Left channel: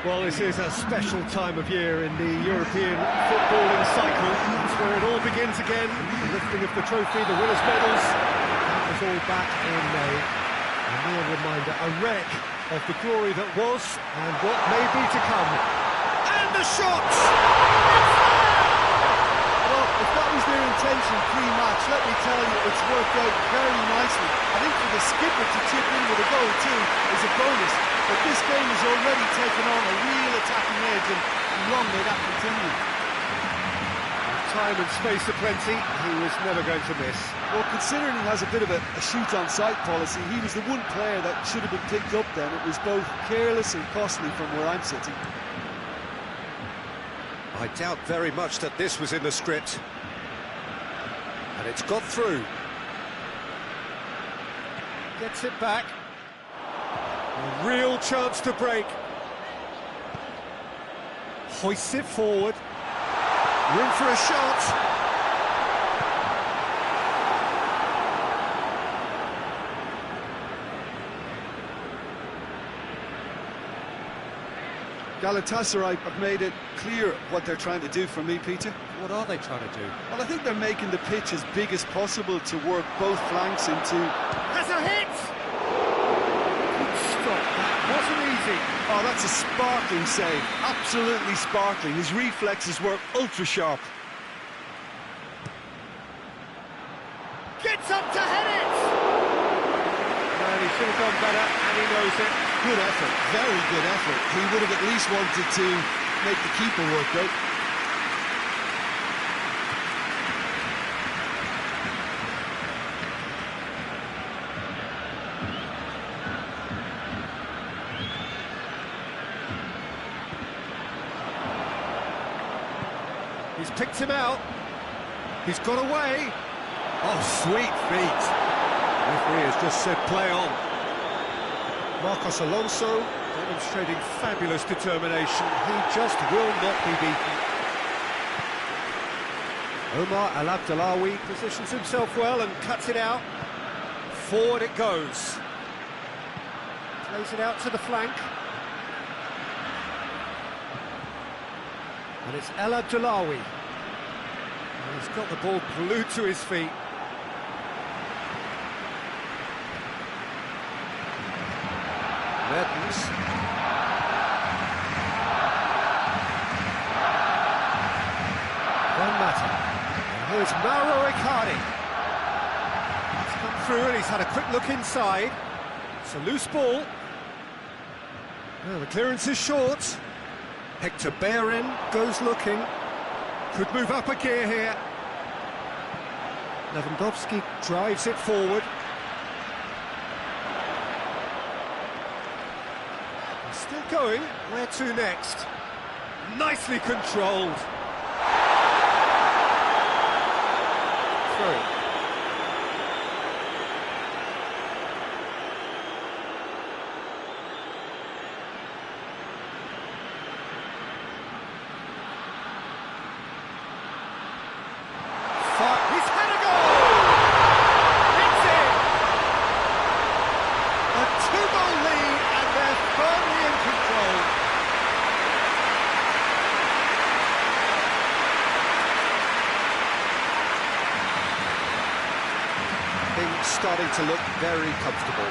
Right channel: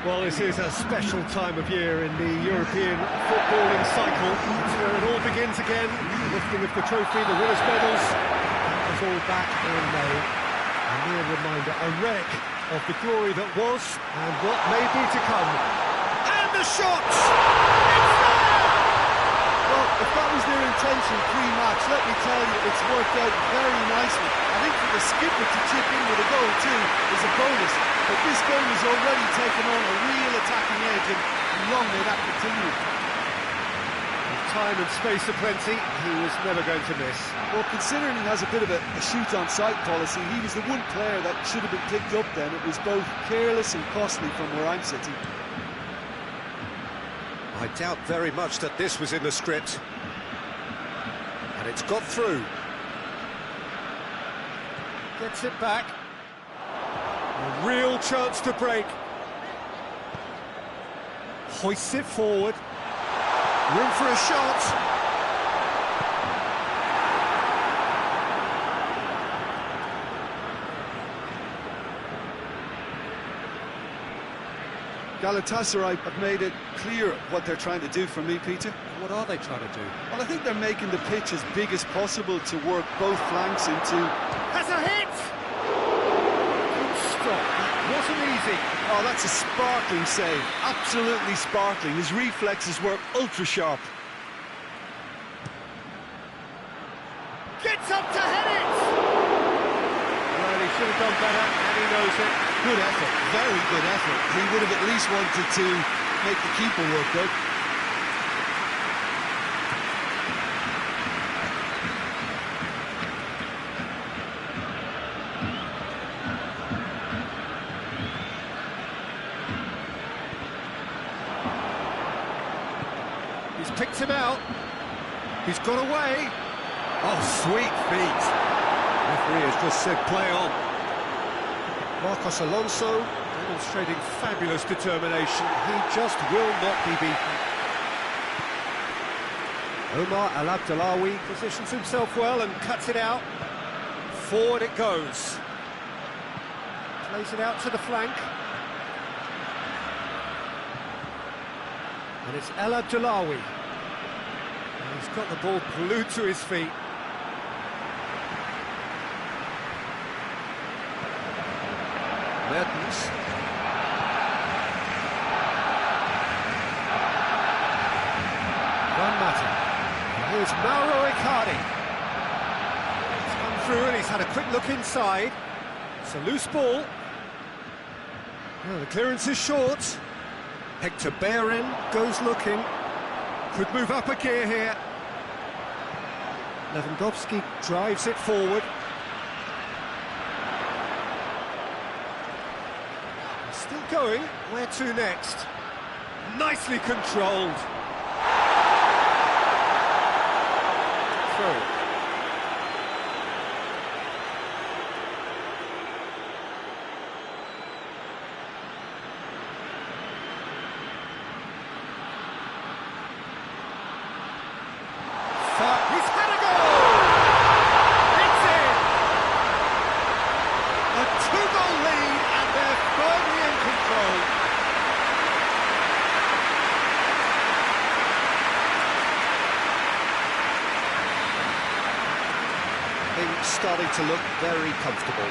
Well, this is a special time of year in the European footballing cycle. It's where it all begins again. The lifting of the trophy, the winners' medals. That was all back in May. A mere reminder, a wreck of the glory that was and what may be to come. And the shots! It's there! Well, if that was their intention pre-match, let me tell you, it's worked out very nicely. I think for the skipper to chip in with a goal too is a bonus. But this game has already taken on a real attacking edge, and long may that continue. With time and space aplenty, he was never going to miss. Well, considering he has a bit of a shoot-on-sight policy, he was the one player that should have been picked up then. It was both careless and costly from where I'm sitting. I doubt very much that this was in the script. And it's got through. Gets it back. A real chance to break. Hoists it forward. Room for a shot. Galatasaray have made it clear what they're trying to do for me, Peter. What are they trying to do? Well, I think they're making the pitch as big as possible to work both flanks into... Has a hit! Good stop, that wasn't easy. Oh, that's a sparkling save. Absolutely sparkling. His reflexes were ultra-sharp. Gets up to head it! Well, he should have done better, and he knows it. Good effort, very good effort. He would have at least wanted to make the keeper work, though. He's picked him out. He's got away. Oh, sweet feet. Referee has just said play on. Marcos Alonso demonstrating fabulous determination. He just will not be beaten. Omar Al Abdullawi positions himself well and cuts it out. Forward it goes. Plays it out to the flank. And it's El Abdullawi. And he's got the ball glued to his feet. Mertens. Juan Mata. And here's Mauro Icardi. He's come through and he's had a quick look inside. It's a loose ball. Well, the clearance is short. Hector Bellerin goes looking. Could move up a gear here. Lewandowski drives it forward. Still going. Where to next? Nicely controlled. Through. He's had a goal! It's in! A two-goal lead, and they're firmly in control. Things starting to look very comfortable.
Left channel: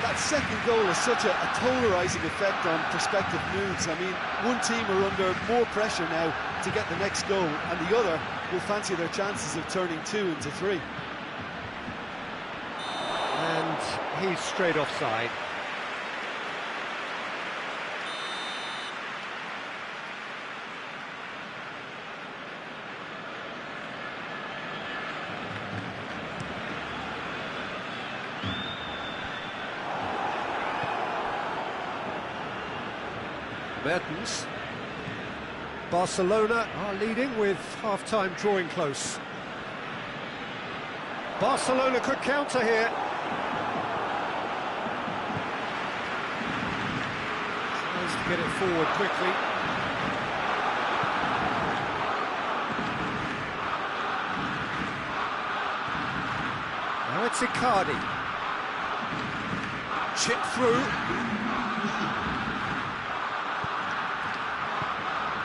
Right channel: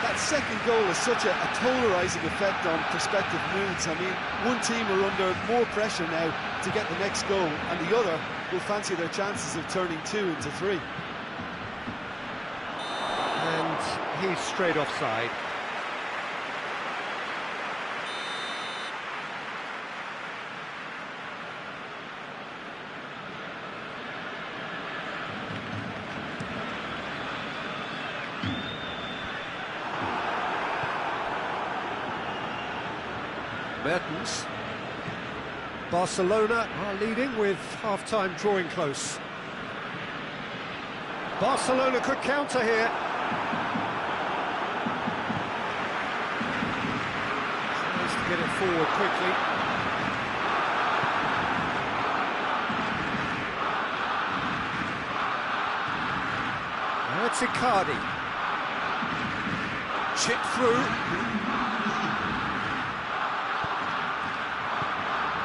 That second goal has such a polarising effect on prospective moods. I mean, one team are under more pressure now to get the next goal, and the other will fancy their chances of turning 2 into 3. And he's straight offside. Mertens. Barcelona are leading with half-time drawing close. Barcelona could counter here. Tries to get it forward quickly. Now it's Icardi. Chip through.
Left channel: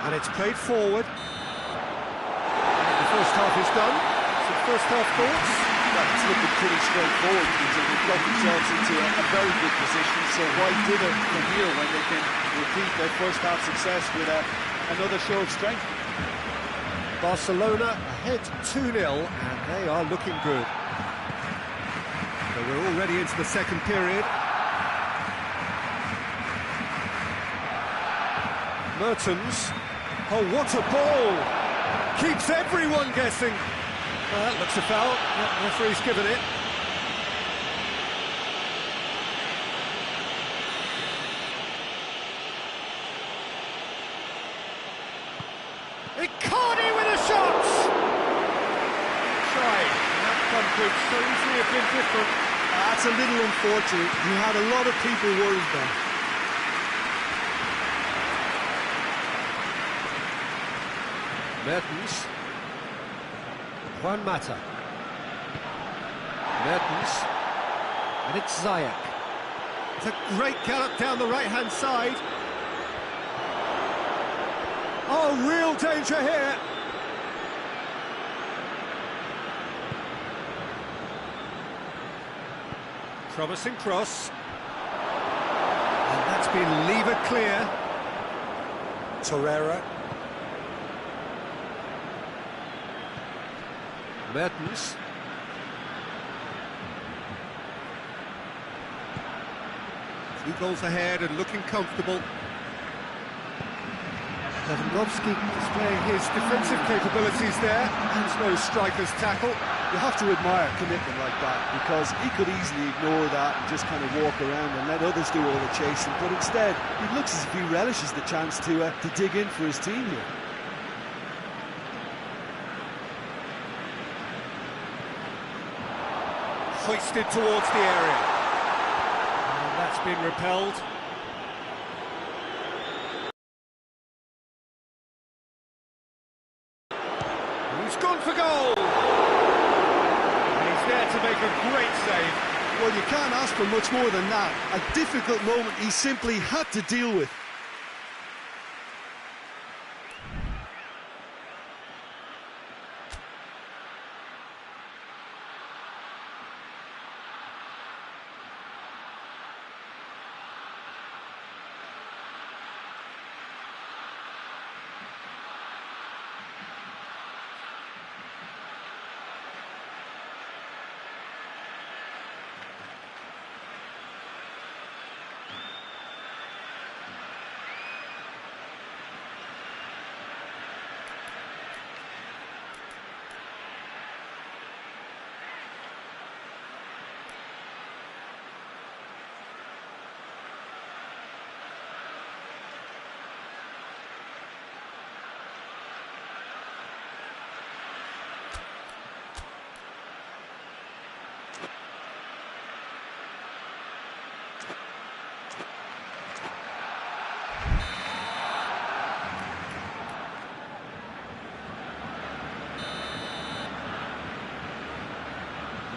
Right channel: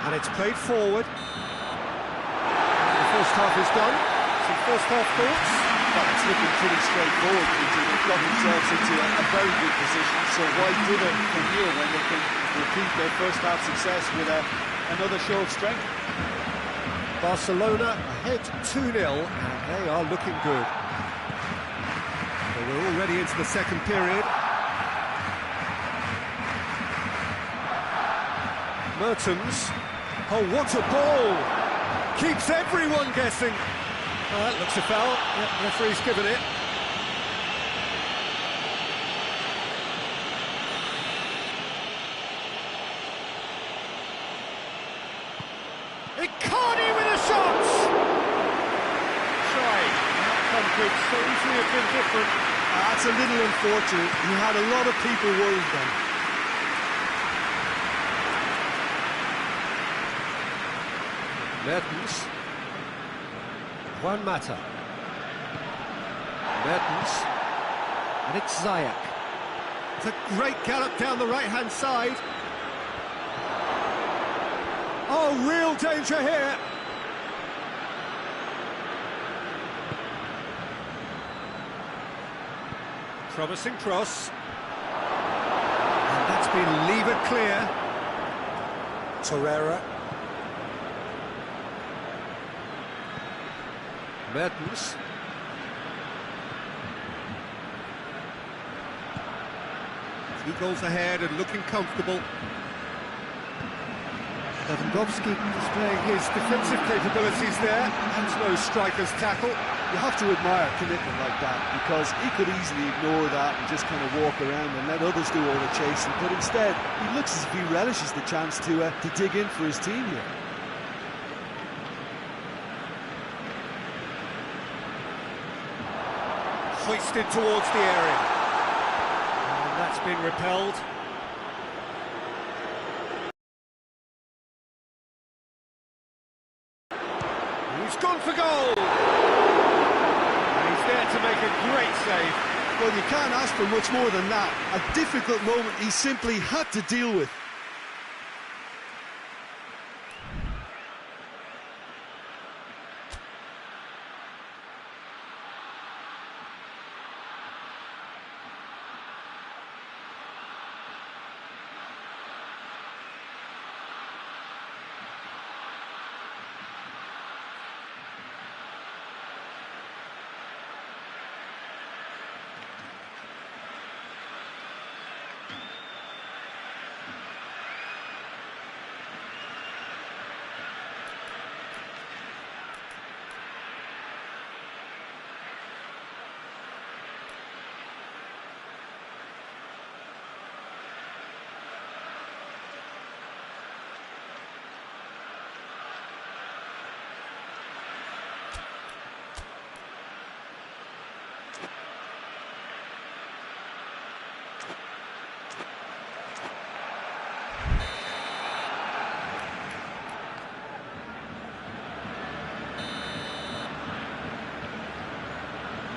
And it's played forward. And the first half is done. Some first half thoughts? Well, it's looking pretty straightforward, Peter. They've got themselves into a very good position, so why dither from here when they can repeat their first half success with another show of strength? Barcelona ahead 2-0, and they are looking good. So we're already into the second period. Mertens. Oh, what a ball! Keeps everyone guessing. That looks a foul. Yep, the referee's given it. Icardi with a shot! Trying. The outcome could so easily have been different. That's a little unfortunate. He had a lot of people worried then. Mertens. Juan Mata. Mertens. And it's Ziyech. It's a great gallop down the right-hand side. Oh, real danger here. Promising cross. And that's been levered clear. Torreira. Mertens. Two goals ahead and looking comfortable. Lewandowski displaying his defensive capabilities there, and no striker's tackle. You have to admire commitment like that, because he could easily ignore that and just kind of walk around and let others do all the chasing, but instead he looks as if he relishes the chance to dig in for his team here. Hoisted towards the area. And that's been repelled. He's gone for goal! And he's there to make a great save. Well, you can't ask for much more than that. A difficult moment he simply had to deal with.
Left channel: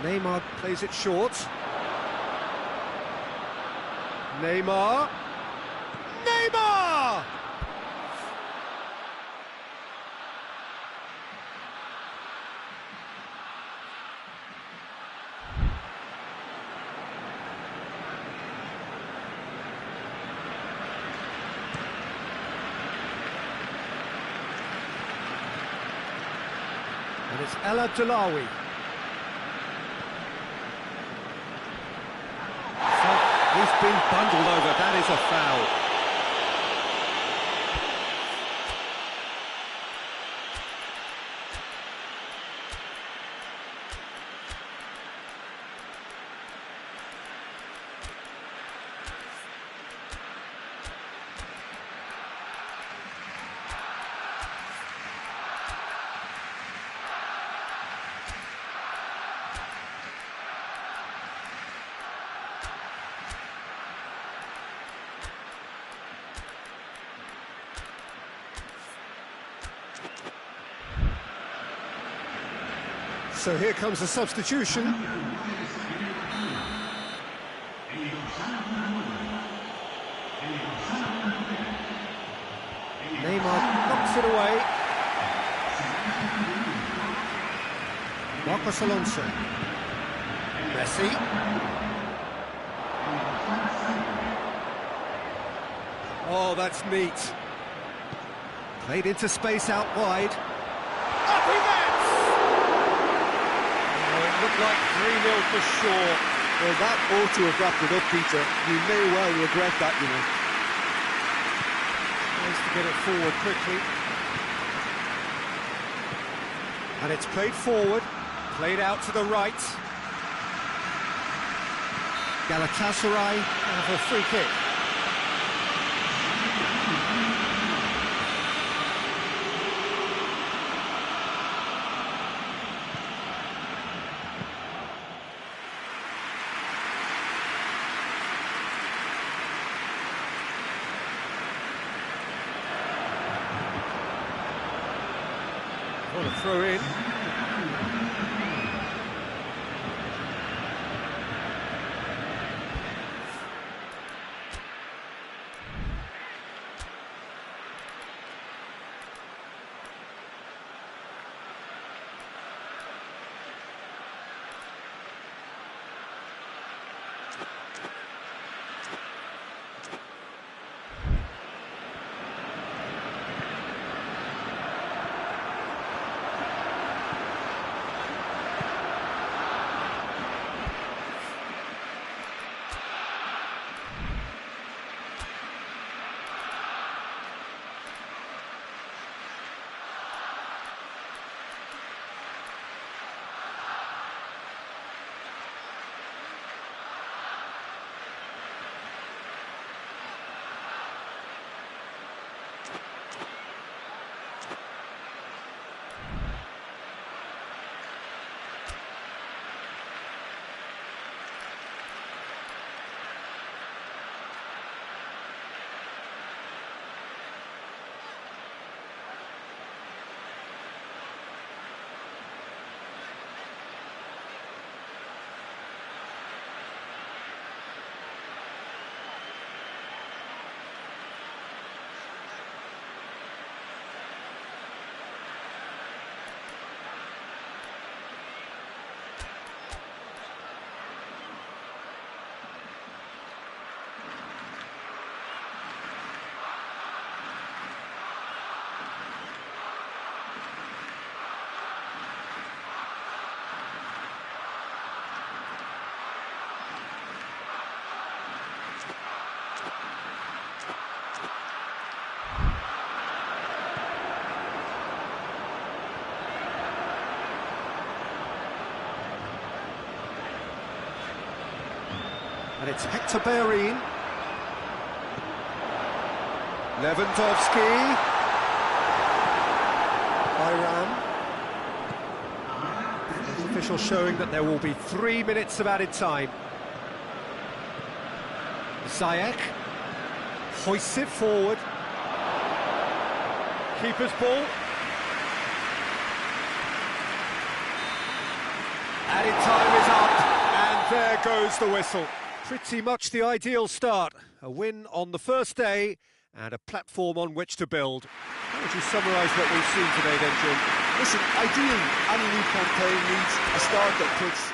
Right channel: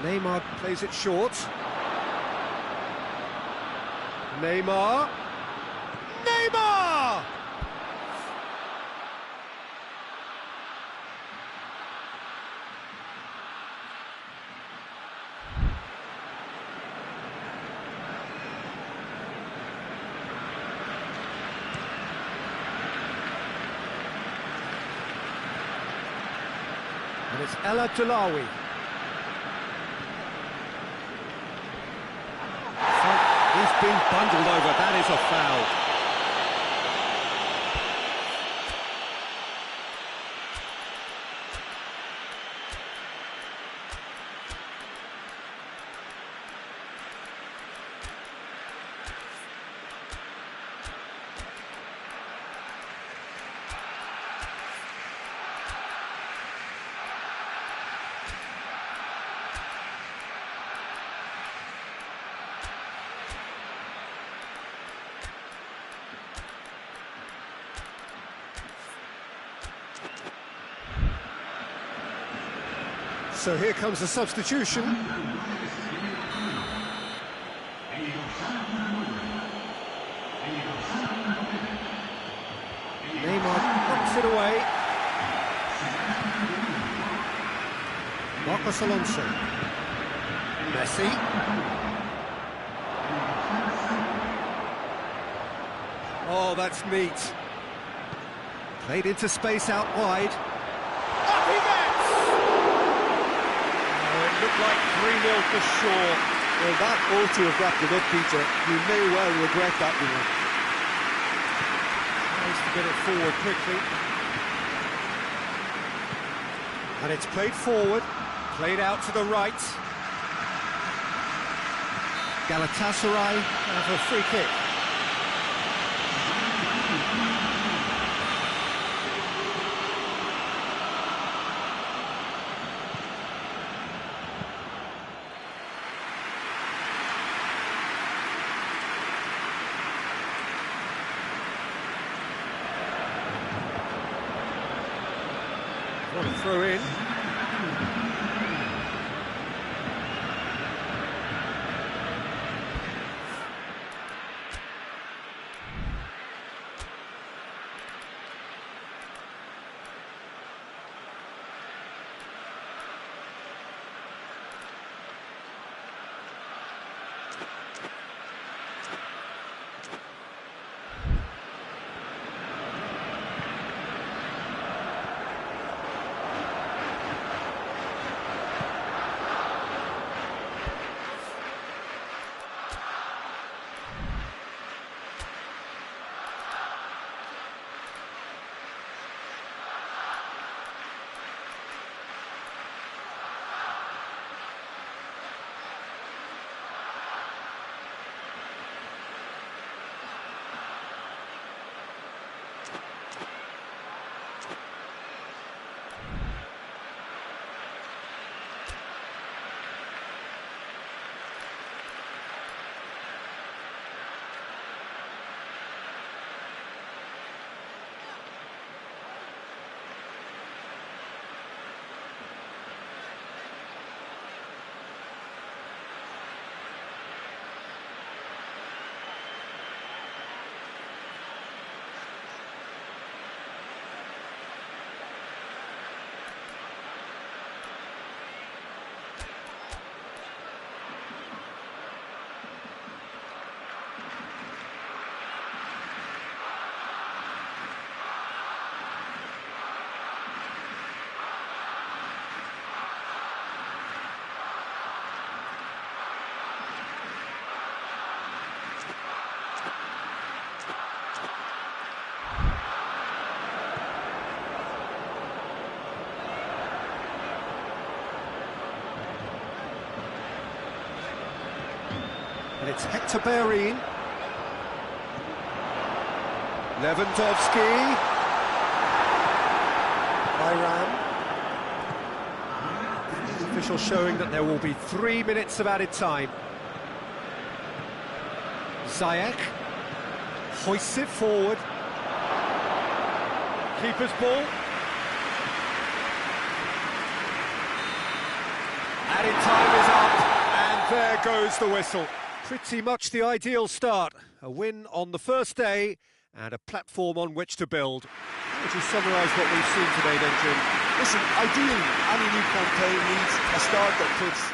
Neymar plays it short. Neymar. Neymar! And it's El Abdullawi. He's been bundled over, that is a foul. So here comes a substitution. Neymar not Knocks it away. Marcos Alonso. Messi. Oh, that's neat. Played into space out wide. Up he gets! Oh, it looked like 3-0 for sure. Well, that ought to have wrapped it up, Peter. You may well regret that, you know. Tries to get it forward quickly. And it's played forward. Played out to the right. Galatasaray have a free kick. What a throw in. And it's Hector Bellerin. Lewandowski. Iran. There's official showing that there will be 3 minutes of added time. Ziyech hoists it forward. Keeper's ball. Added time is up, and there goes the whistle. Pretty much the ideal start. A win on the first day and a platform on which to build. How would you summarise what we've seen today then, Jim? Listen, ideally, any new campaign needs a start that puts...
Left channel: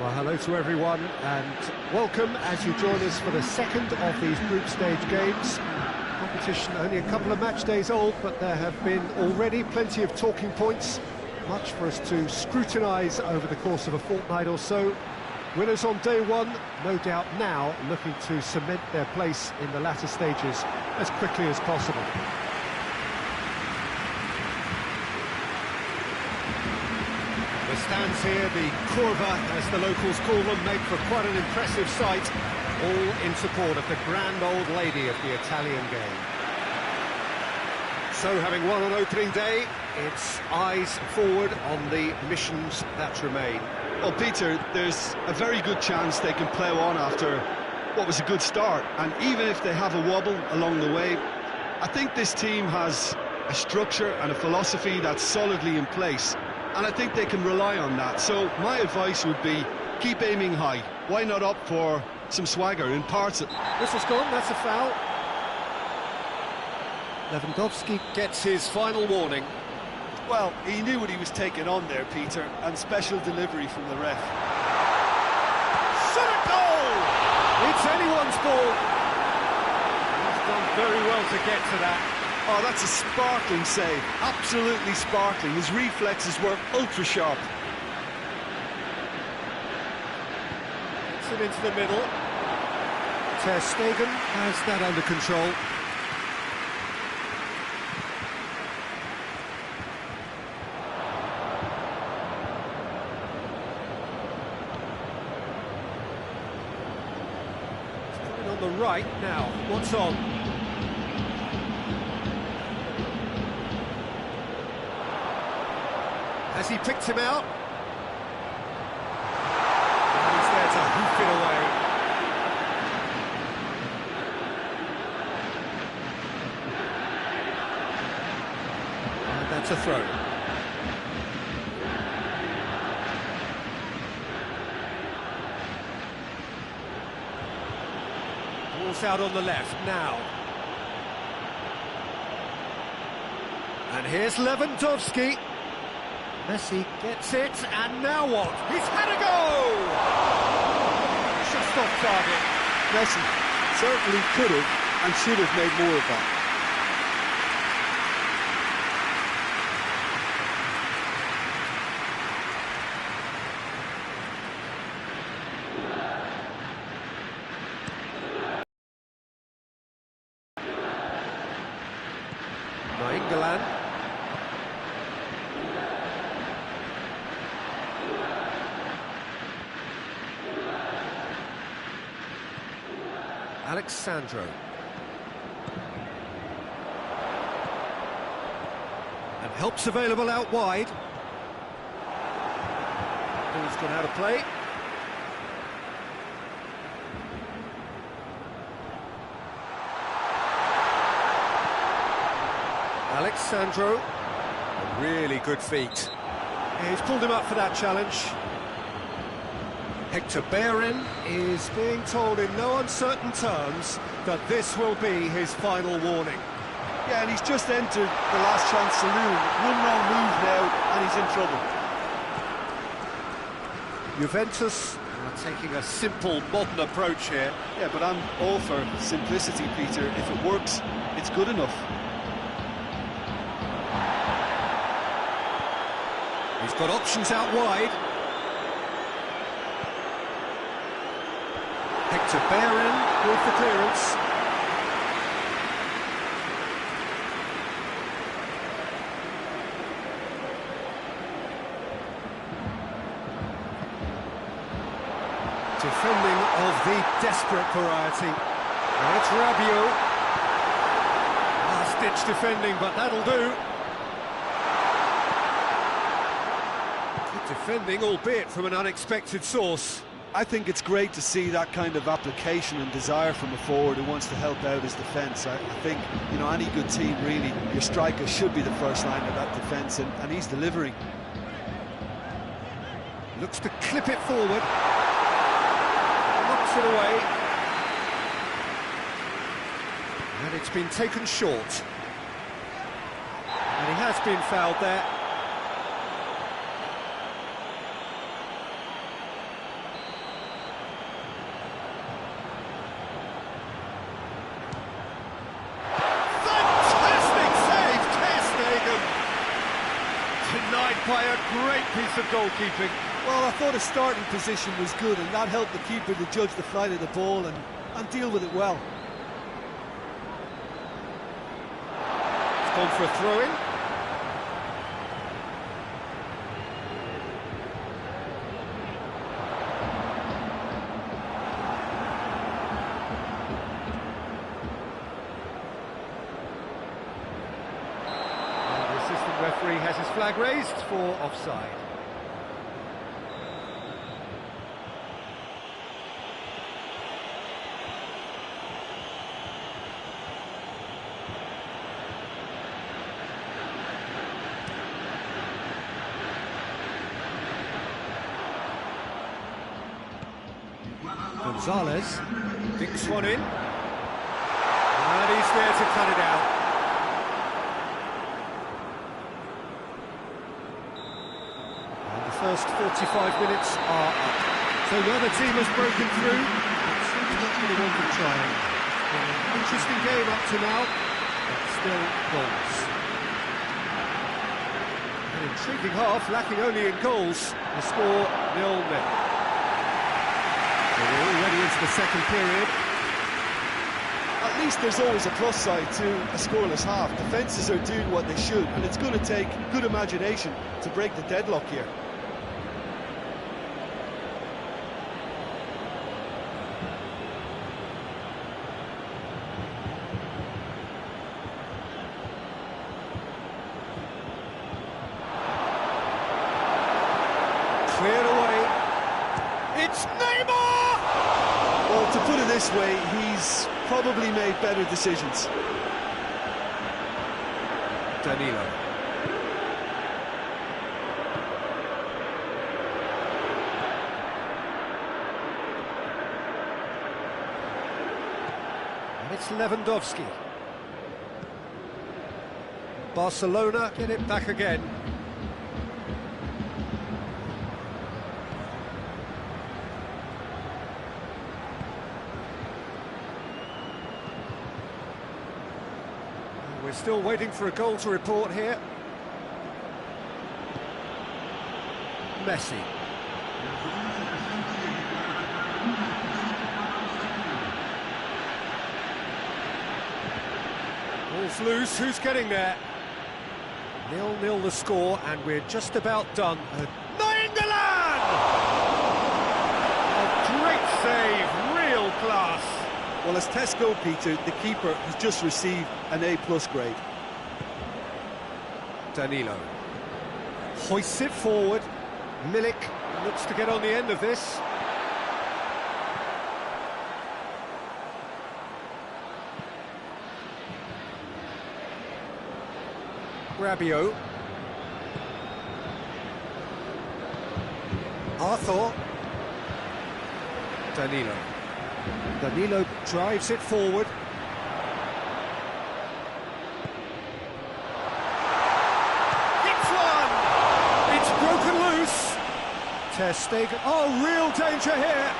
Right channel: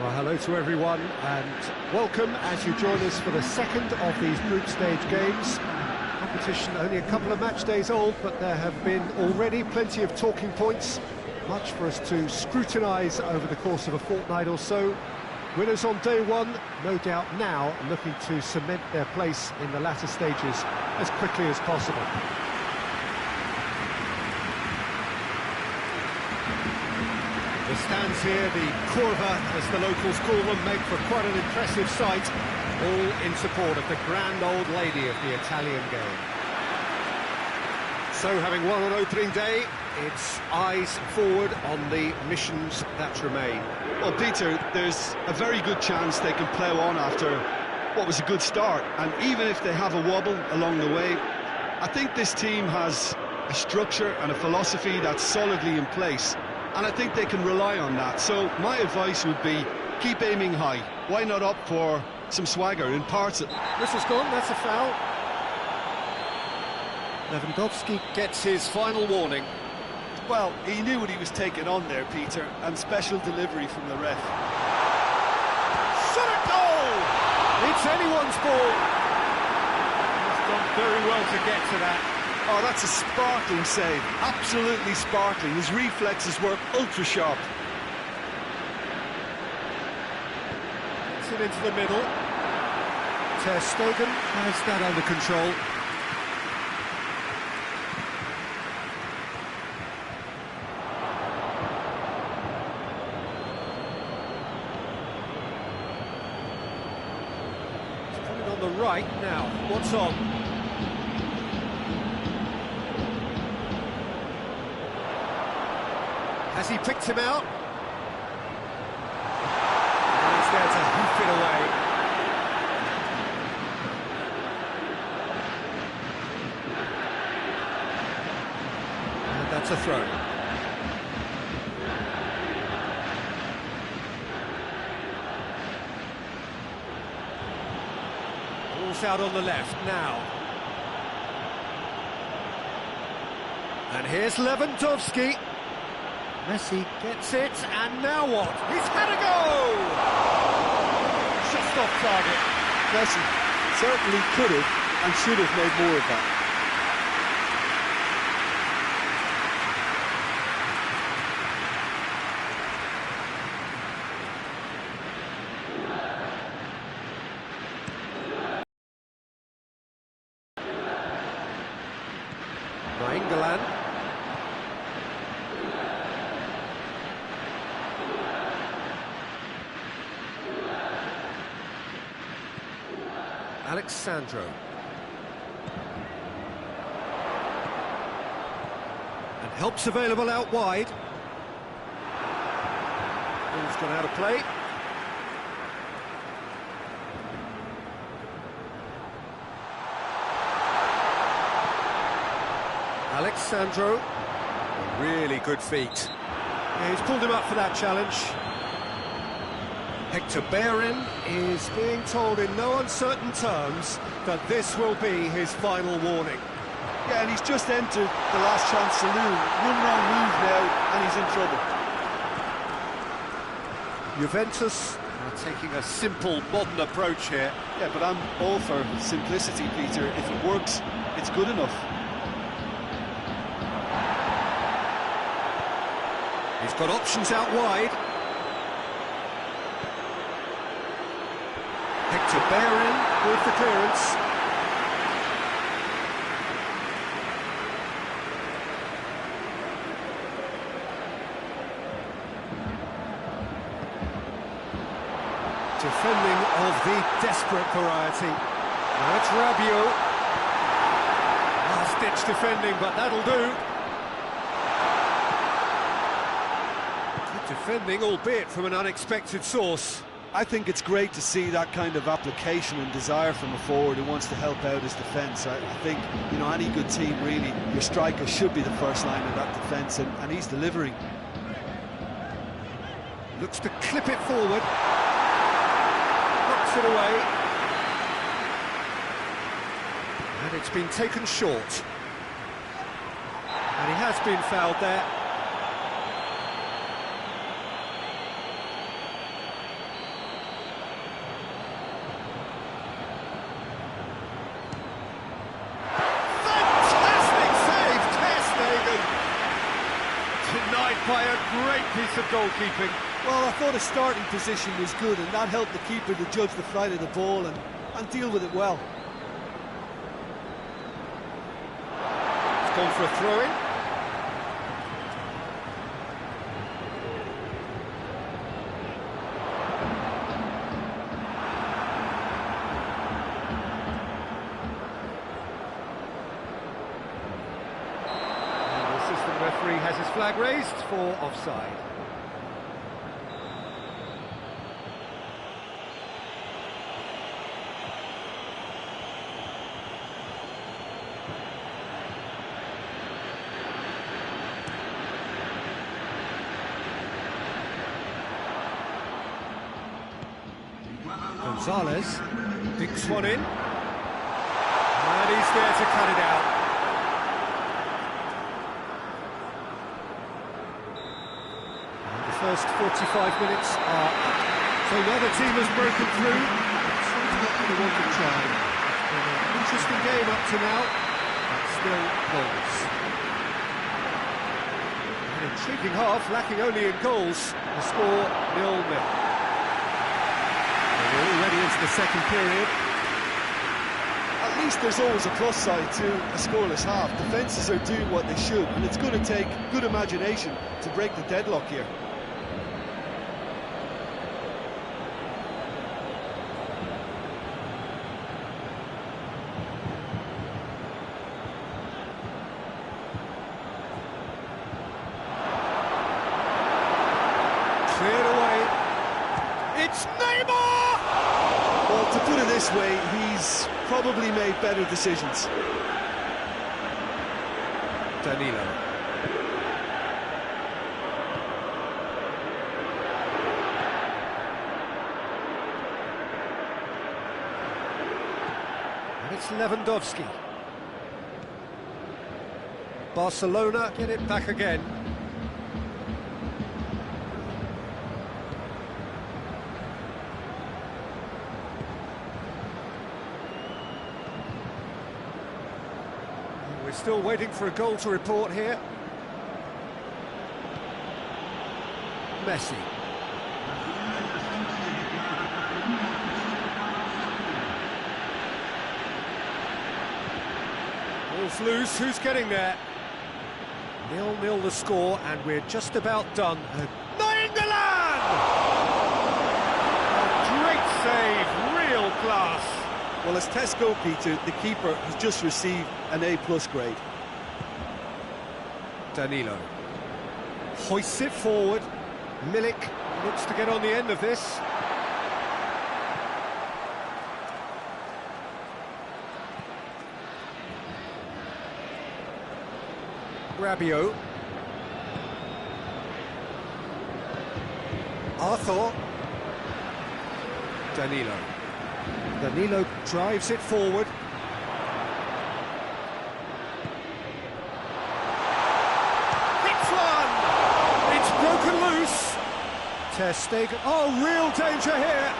Well, hello to everyone and welcome as you join us for the second of these group stage games. Competition only a couple of match days old, but there have been already plenty of talking points, much for us to scrutinise over the course of a fortnight or so. Winners on day one, no doubt now looking to cement their place in the latter stages as quickly as possible. The stands here, the curva, as the locals call them, make for quite an impressive sight, all in support of the grand old lady of the Italian game. So, having won on opening day, it's eyes forward on the missions that remain. Well, Peter, there's a very good chance they can plough on after what was a good start, and even if they have a wobble along the way, I think this team has a structure and a philosophy that's solidly in place, and I think they can rely on that. So my advice would be, keep aiming high. Why not opt for some swagger in parts? Whistle's gone, that's a foul. Lewandowski gets his final warning. Well, he knew what he was taking on there, Peter, and special delivery from the ref. Shot at goal! It's anyone's ball. He's done very well to get to that. Oh, that's a sparkling save, absolutely sparkling. His reflexes work ultra sharp. Gets it into the middle. Ter Stegen has that under control. He's put it on the right now. What's on? Has he picked him out? And he's there to hoof it away. And that's a throw. Ball's out on the left now. And here's Lewandowski. Messi gets it, and now what? He's had a go! Just off target. Messi certainly could have and should have made more of that. Nainggolan. Alexandro. And help's available out wide. Ball's gone out of play. Alexandro. A really good feat. Yeah, he's pulled him up for that challenge. Hector Bellerin is being told in no uncertain terms that this will be his final warning. Yeah, and he's just entered the last chance saloon. One wrong move now, and he's in trouble. Juventus are taking a simple, modern approach here. Yeah, but I'm all for simplicity, Peter. If it works, it's good enough. He's got options out wide. Hector Bellerin with the clearance. Defending of the desperate variety. Now it's Rabiot. Last-ditch defending, but that'll do. Good defending, albeit from an unexpected source. I think it's great to see that kind of application and desire from a forward who wants to help out his defence. I think, you know, any good team, really, your striker should be the first line of that defence, and he's delivering. Looks to clip it forward. Knocks it away. And it's been taken short. And he has been fouled there. Denied by a great piece of goalkeeping. Well, I thought his starting position was good, and that helped the keeper to judge the flight of the ball and deal with it well. It's gone for a throw-in. referee has his flag raised for offside. Gonzalez dinks one in, and he's there to cut it out. And the first 45 minutes are up. So neither team has broken through, but it's not for the want of trying. It's been an interesting game up to now, but still goals. An intriguing half, lacking only in goals. The score 0-0. We're already into the second period. At least there's always a plus side to a scoreless half. Defences are doing what they should, and it's going to take good imagination to break the deadlock here. Cleared away. It's Neymar! Well, to put it this way, he's probably made better decisions. Danilo. And it's Lewandowski. Barcelona get it back again. We're still waiting for a goal to report here. Messi. Ball's loose, who's getting there? 0-0 the score, and we're just about done. Nainggolan! Oh, great save, real class. Well, as tests go, Peter, the keeper has just received an A+ grade. Danilo hoists it forward. Milik looks to get on the end of this. Rabiot. Arthur. Danilo. Danilo drives it forward. Hits one! It's broken loose. Ter Stegen. Oh, real danger here.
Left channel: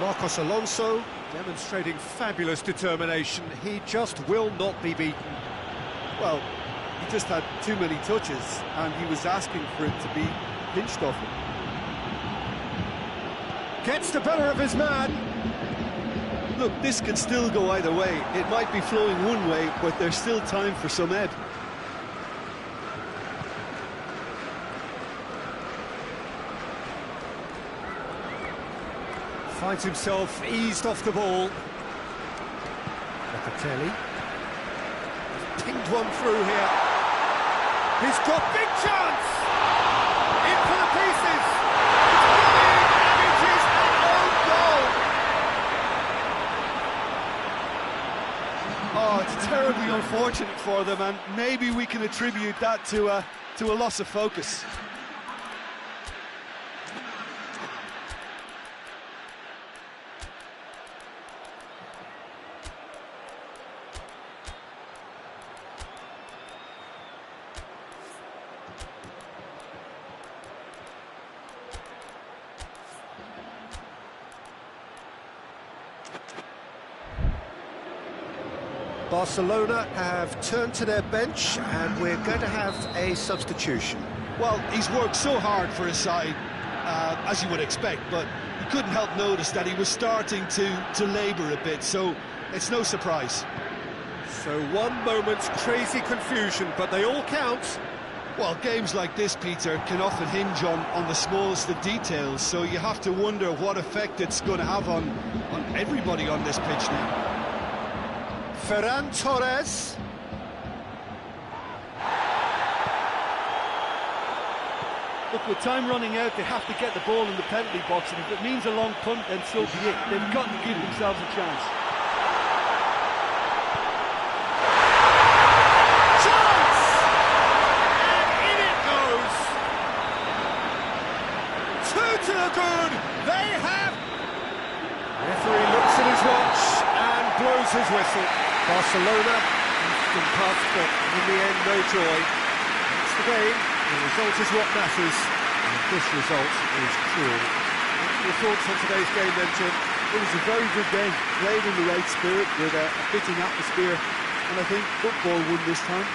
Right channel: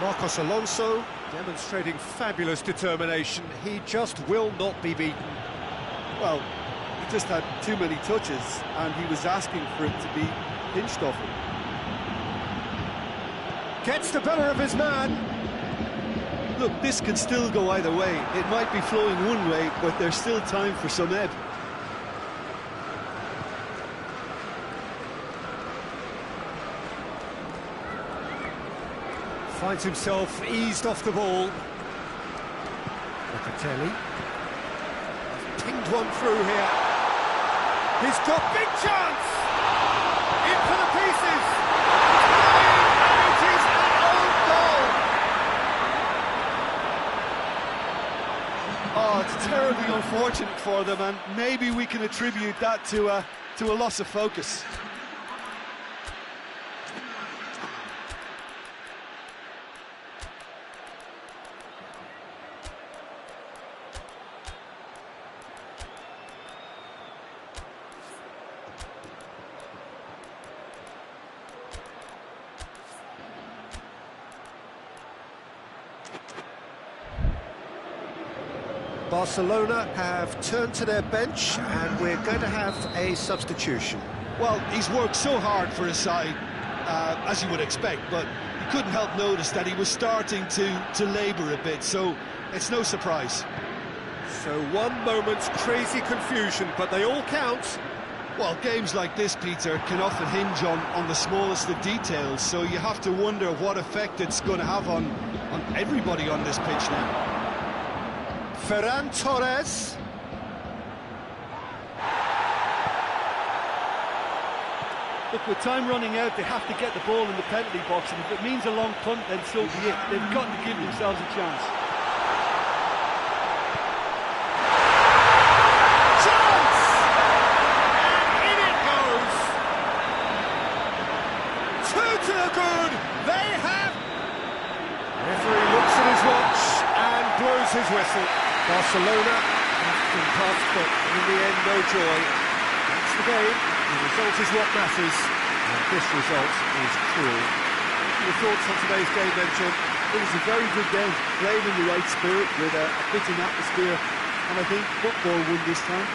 Marcos Alonso demonstrating fabulous determination. He just will not be beaten. Well, he just had too many touches, and he was asking for it to be pinched off him. Gets the better of his man. Look, this can still go either way. It might be flowing one way, but there's still time for some ebb. Finds himself eased off the ball. Locatelli. He's pinged one through here. He's got big chance! In for the pieces! It's going, and it is an own goal! Oh, it's terribly unfortunate for them, and maybe we can attribute that to a loss of focus. Barcelona have turned to their bench, and we're going to have a substitution. Well, he's worked so hard for his side, as you would expect, but you couldn't help notice that he was starting to labour a bit, so it's no surprise. So one moment's crazy confusion, but they all count. Well, games like this, Peter, can often hinge on the smallest of details, so you have to wonder what effect it's going to have on everybody on this pitch now. Ferran Torres. Look, with time running out, they have to get the ball in the penalty box, and if it means a long punt, then so be it. They've got to give themselves a chance. Chance! And in it goes! Two to the good! They have... Referee looks at his watch and blows his whistle. Barcelona often puffed, but in the end, no joy. That's the game. The result is what matters, and this result is cruel. What are your thoughts on today's game then, Jim? It was a very good game, played in the right spirit with a fitting atmosphere, and I think football won this time.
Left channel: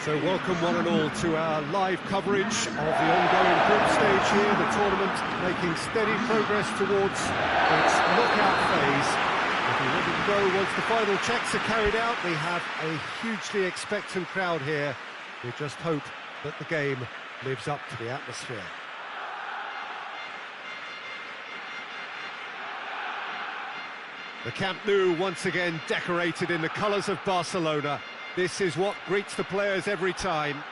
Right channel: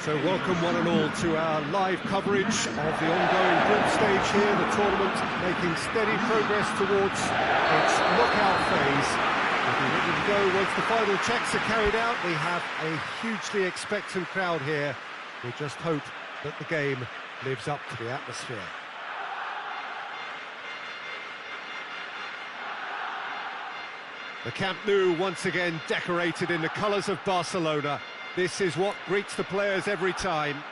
So welcome one and all to our live coverage of the ongoing group stage here, the tournament making steady progress towards its knockout phase. We'll be ready to go once the final checks are carried out. We have a hugely expectant crowd here. We just hope that the game lives up to the atmosphere. The Camp Nou once again decorated in the colours of Barcelona. This is what greets the players every time.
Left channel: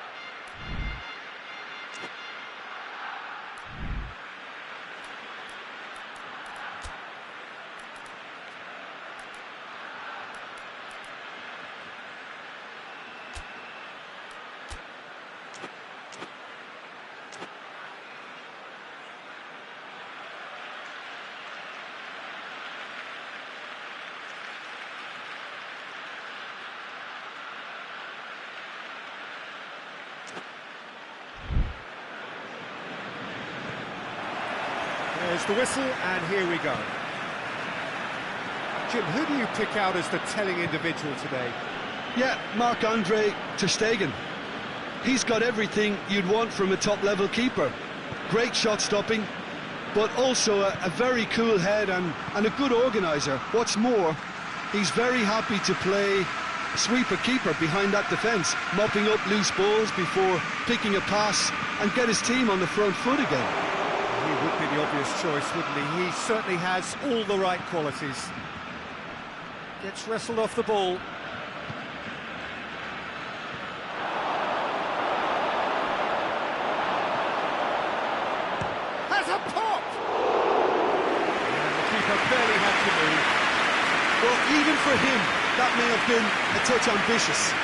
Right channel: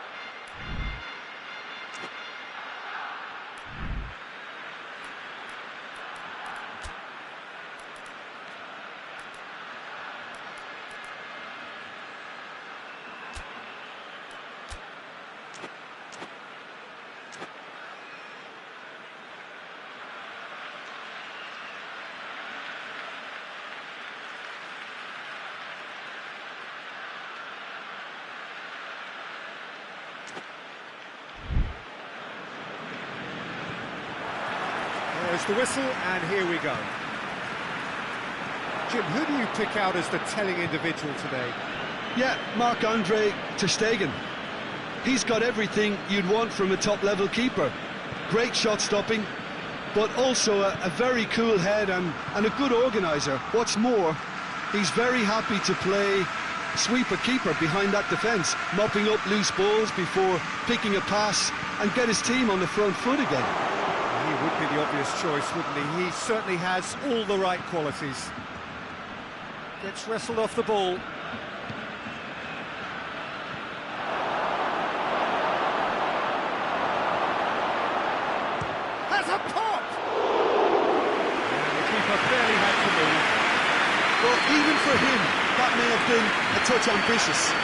There's the whistle, and here we go. Jim, who do you pick out as the telling individual today? Yeah, Marc-Andre ter Stegen. He's got everything you'd want from a top-level keeper. Great shot stopping, but also a very cool head and a good organiser. What's more, he's very happy to play sweeper-keeper behind that defence, mopping up loose balls before picking a pass and get his team on the front foot again. He would be the obvious choice, wouldn't he? He certainly has all the right qualities. Gets wrestled off the ball. Has a pop! And the keeper barely had to move. Well, even for him, that may have been a touch ambitious.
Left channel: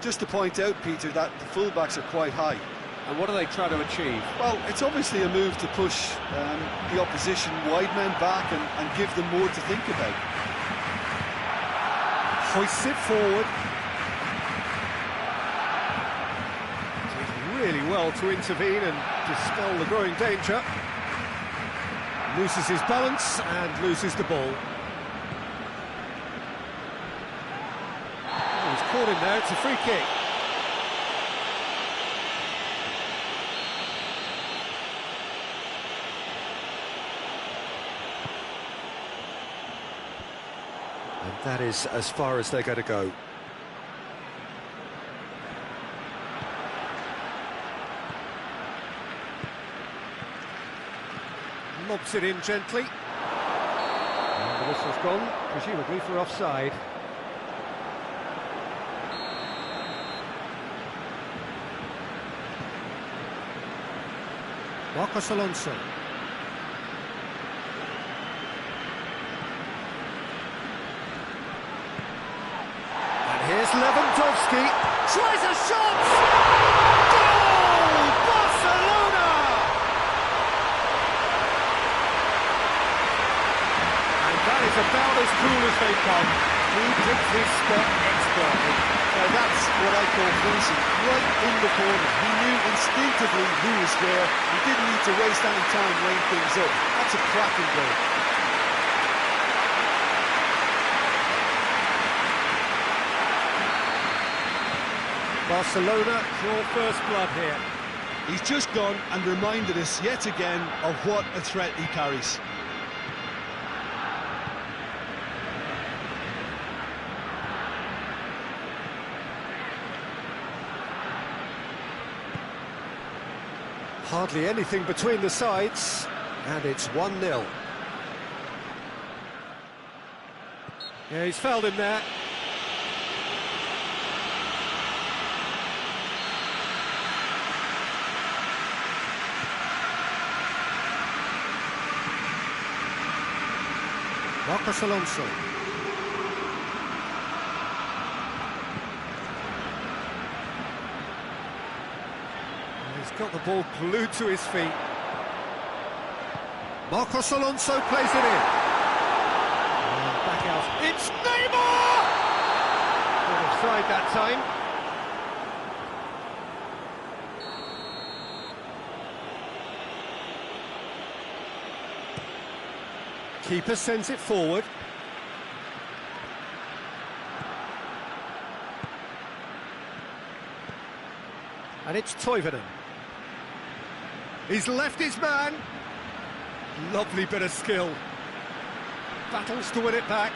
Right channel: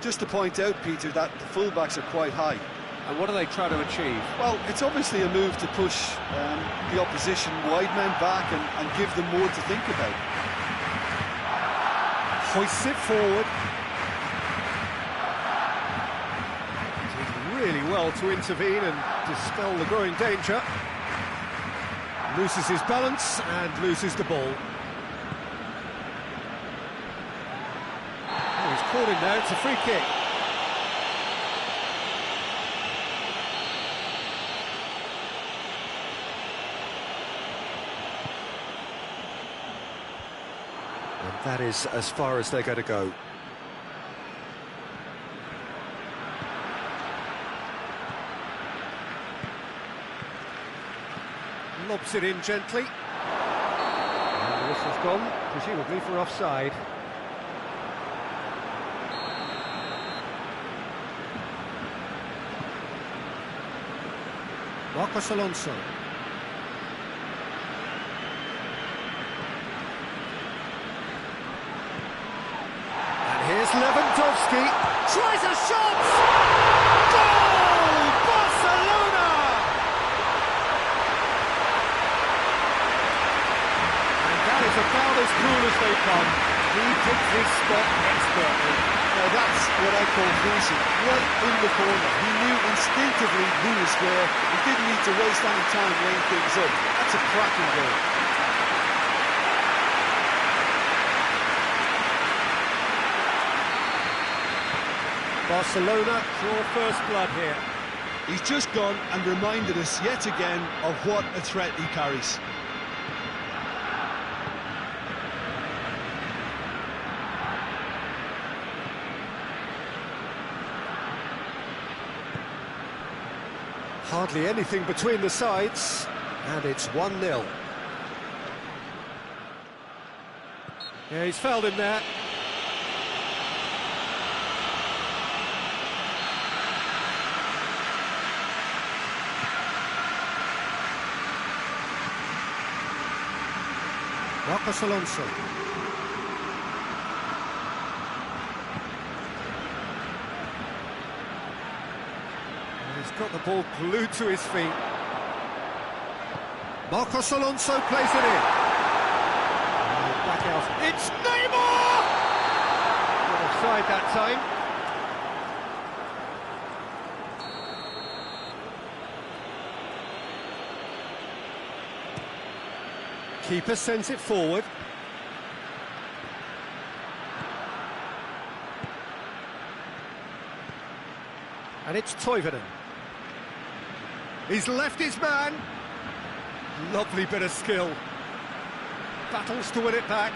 Just to point out, Peter, that the fullbacks are quite high. And what are they trying to achieve? Well, it's obviously a move to push the opposition wide men back and give them more to think about. Hoists it forward. Did really well to intervene and dispel the growing danger. Loses his balance and loses the ball. Oh, he's caught in there, it's a free kick. And that is as far as they're going to go. Lobs it in gently. And the whistle's gone, presumably for offside. Marcos Alonso. Here's Lewandowski, tries a shot! Goal! Barcelona! And that is about as cool as they come. He picked his spot expertly. Now that's what I call finishing, right in the corner. He knew instinctively who was there and didn't need to waste any time laying things up. That's a cracking goal. Barcelona draw first blood here. He's just gone and reminded us yet again of what a threat he carries. Hardly anything between the sides, and it's 1-0. Yeah, he's fouled him there. Marcos Alonso. And he's got the ball glued to his feet. Marcos Alonso plays it in. And back out. It's Neymar! Not offside that time. Keeper sends it forward. And it's Toivonen. He's left his man. Lovely bit of skill. Battles to win it back.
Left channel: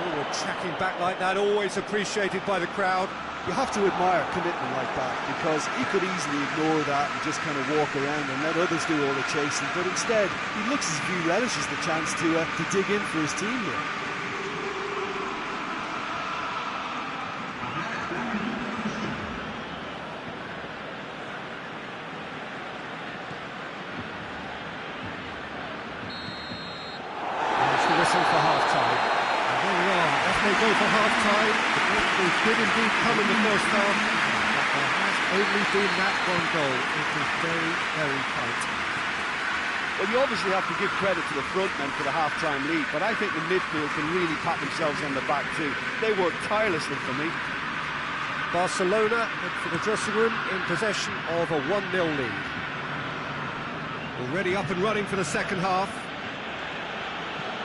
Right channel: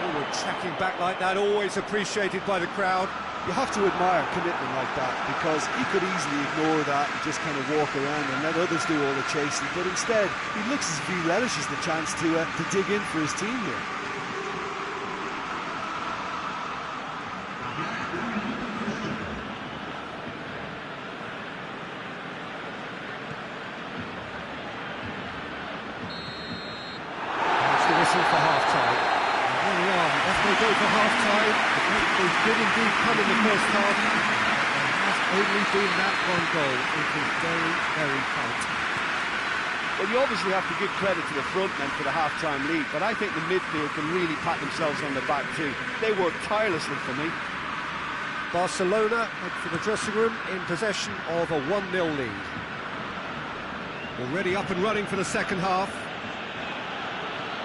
Forward tracking back like that, always appreciated by the crowd. You have to admire commitment like that, because he could easily ignore that and just kind of walk around and let others do all the chasing, but instead he looks as if he relishes the chance to dig in for his team here. It's the whistle for half-time. There we are, off they go for half-time. The breakthrough did indeed come in the first half, but there has only been that one goal. It was very, very tight. Well, you obviously have to give credit to the front men for the half-time lead, but I think the midfield can really pat themselves on the back too. They worked tirelessly for me. Barcelona head for the dressing room in possession of a 1-0 lead. Already up and running for the second half.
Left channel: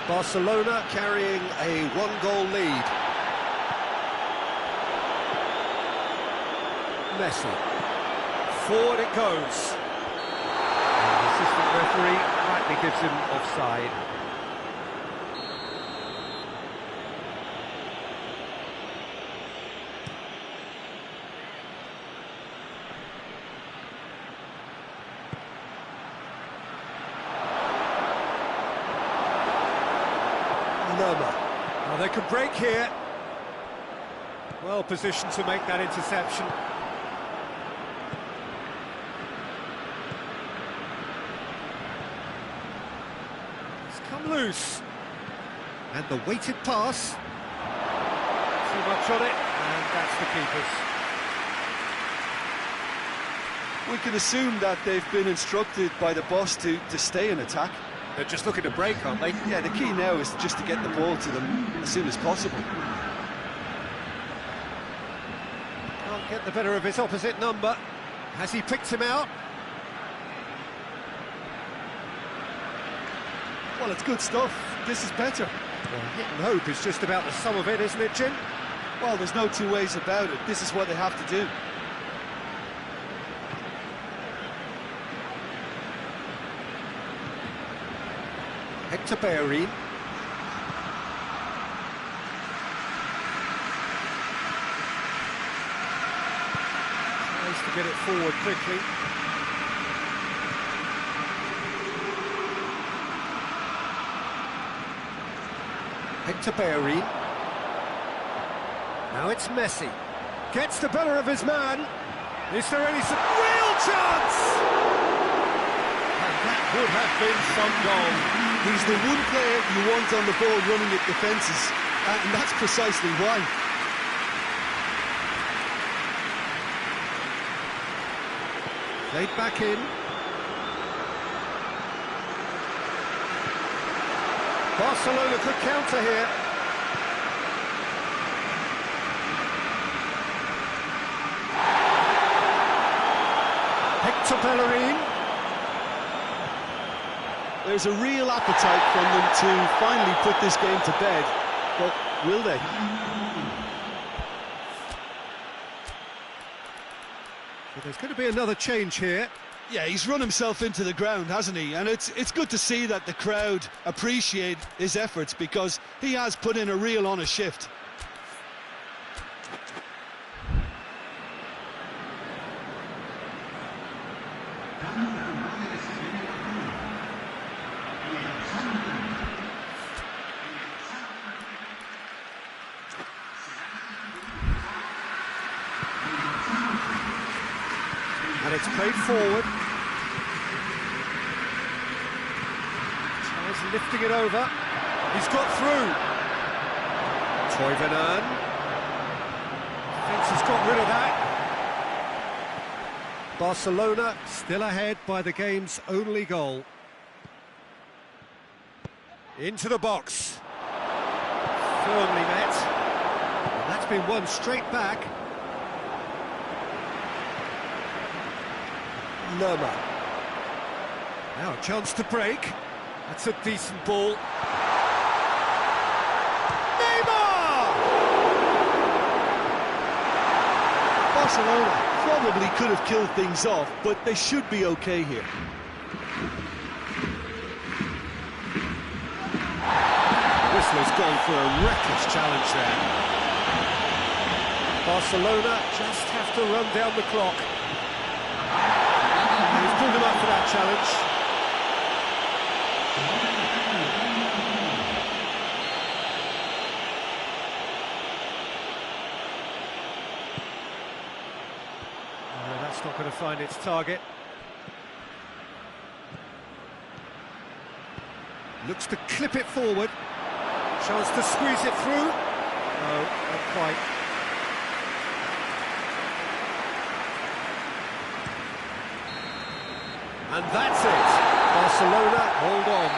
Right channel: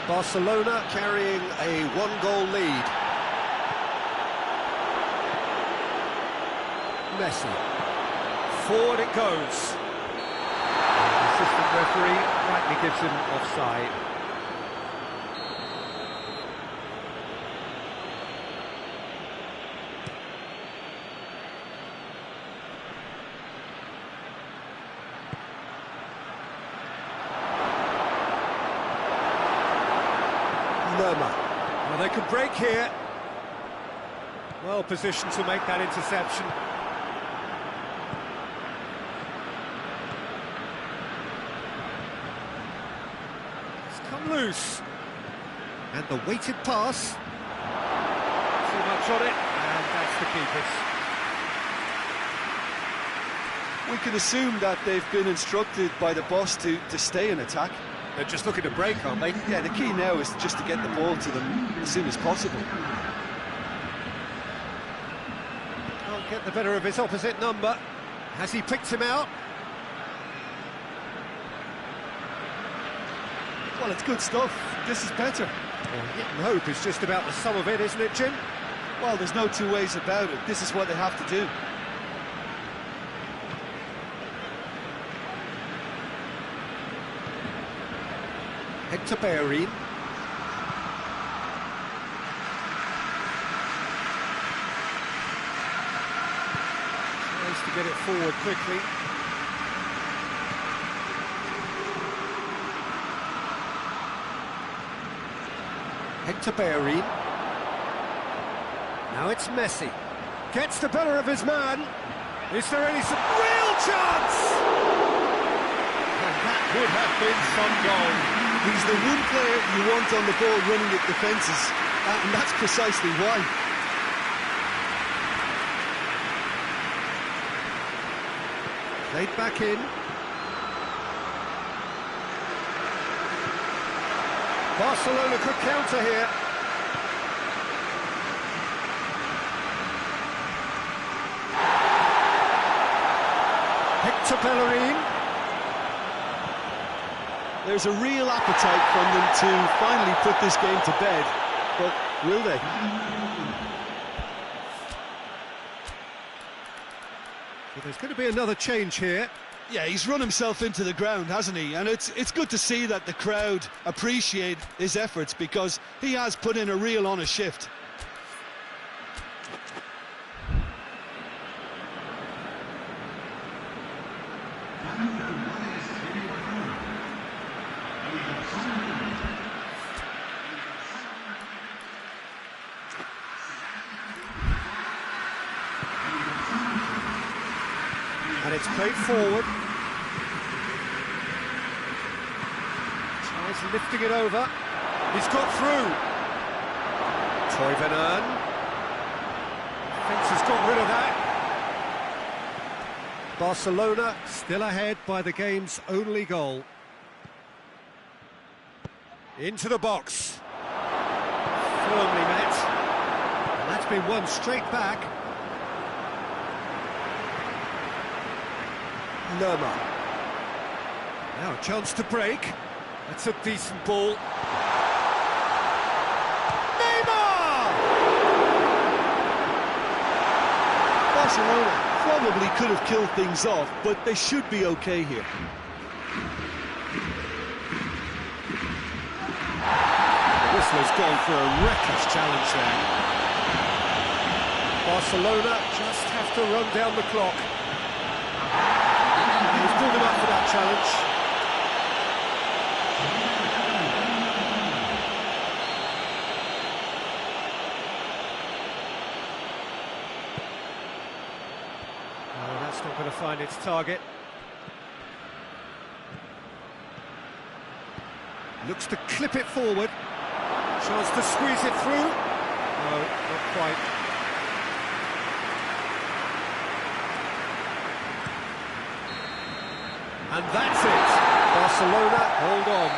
Barcelona carrying a 1-goal lead. Messi. Forward it goes. And the assistant referee rightly gives him offside. Lerma. Well, they could break here. Well positioned to make that interception. It's come loose. And the weighted pass. Too much on it, and that's the keeper's. We can assume that they've been instructed by the boss to stay in attack. They're just looking to break, aren't they? Yeah, the key now is just to get the ball to them as soon as possible. Can't get the better of his opposite number. Has he picked him out? Well, it's good stuff. This is better. Well, hit and hope is just about the sum of it, isn't it, Jim? Well, there's no two ways about it. This is what they have to do. Hector Bellerin. Tries to get it forward quickly. Hector Bellerin. Now it's Messi. Gets the better of his man. Is there any real chance? And that would have been some goal. He's the one player you want on the ball running at defences, and that's precisely why. Played back in. Barcelona could counter here. Hector Bellerin. There's a real appetite from them to finally put this game to bed, but will they? So there's going to be another change here. Yeah, he's run himself into the ground, hasn't he? And it's good to see that the crowd appreciate his efforts, because he has put in a real honest shift. And it's played forward. Tries lifting it over. He's got through. Toivonen. Defence has got rid of that. Barcelona still ahead by the game's only goal. Into the box. Firmly met. And that's been won straight back. Lerma. Now a chance to break. That's a decent ball. Neymar! Barcelona probably could have killed things off, but they should be okay here. The whistler's gone for a reckless challenge there. Barcelona just have to run down the clock. He's pulled him up for that challenge. That's not going to find its target. Looks to clip it forward. Chance to squeeze it through. No, not quite. And that's it. Barcelona, hold on.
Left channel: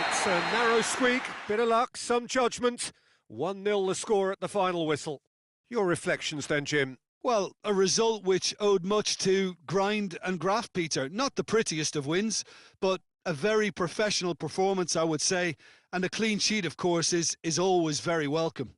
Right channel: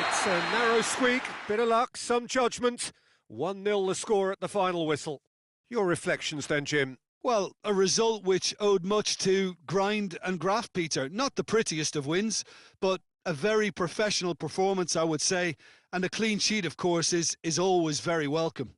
It's a narrow squeak, bit of luck, some judgment. 1-0 the score at the final whistle. Your reflections then, Jim? Well, a result which owed much to grind and graft, Peter. Not the prettiest of wins, but a very professional performance, I would say. And a clean sheet, of course, is always very welcome.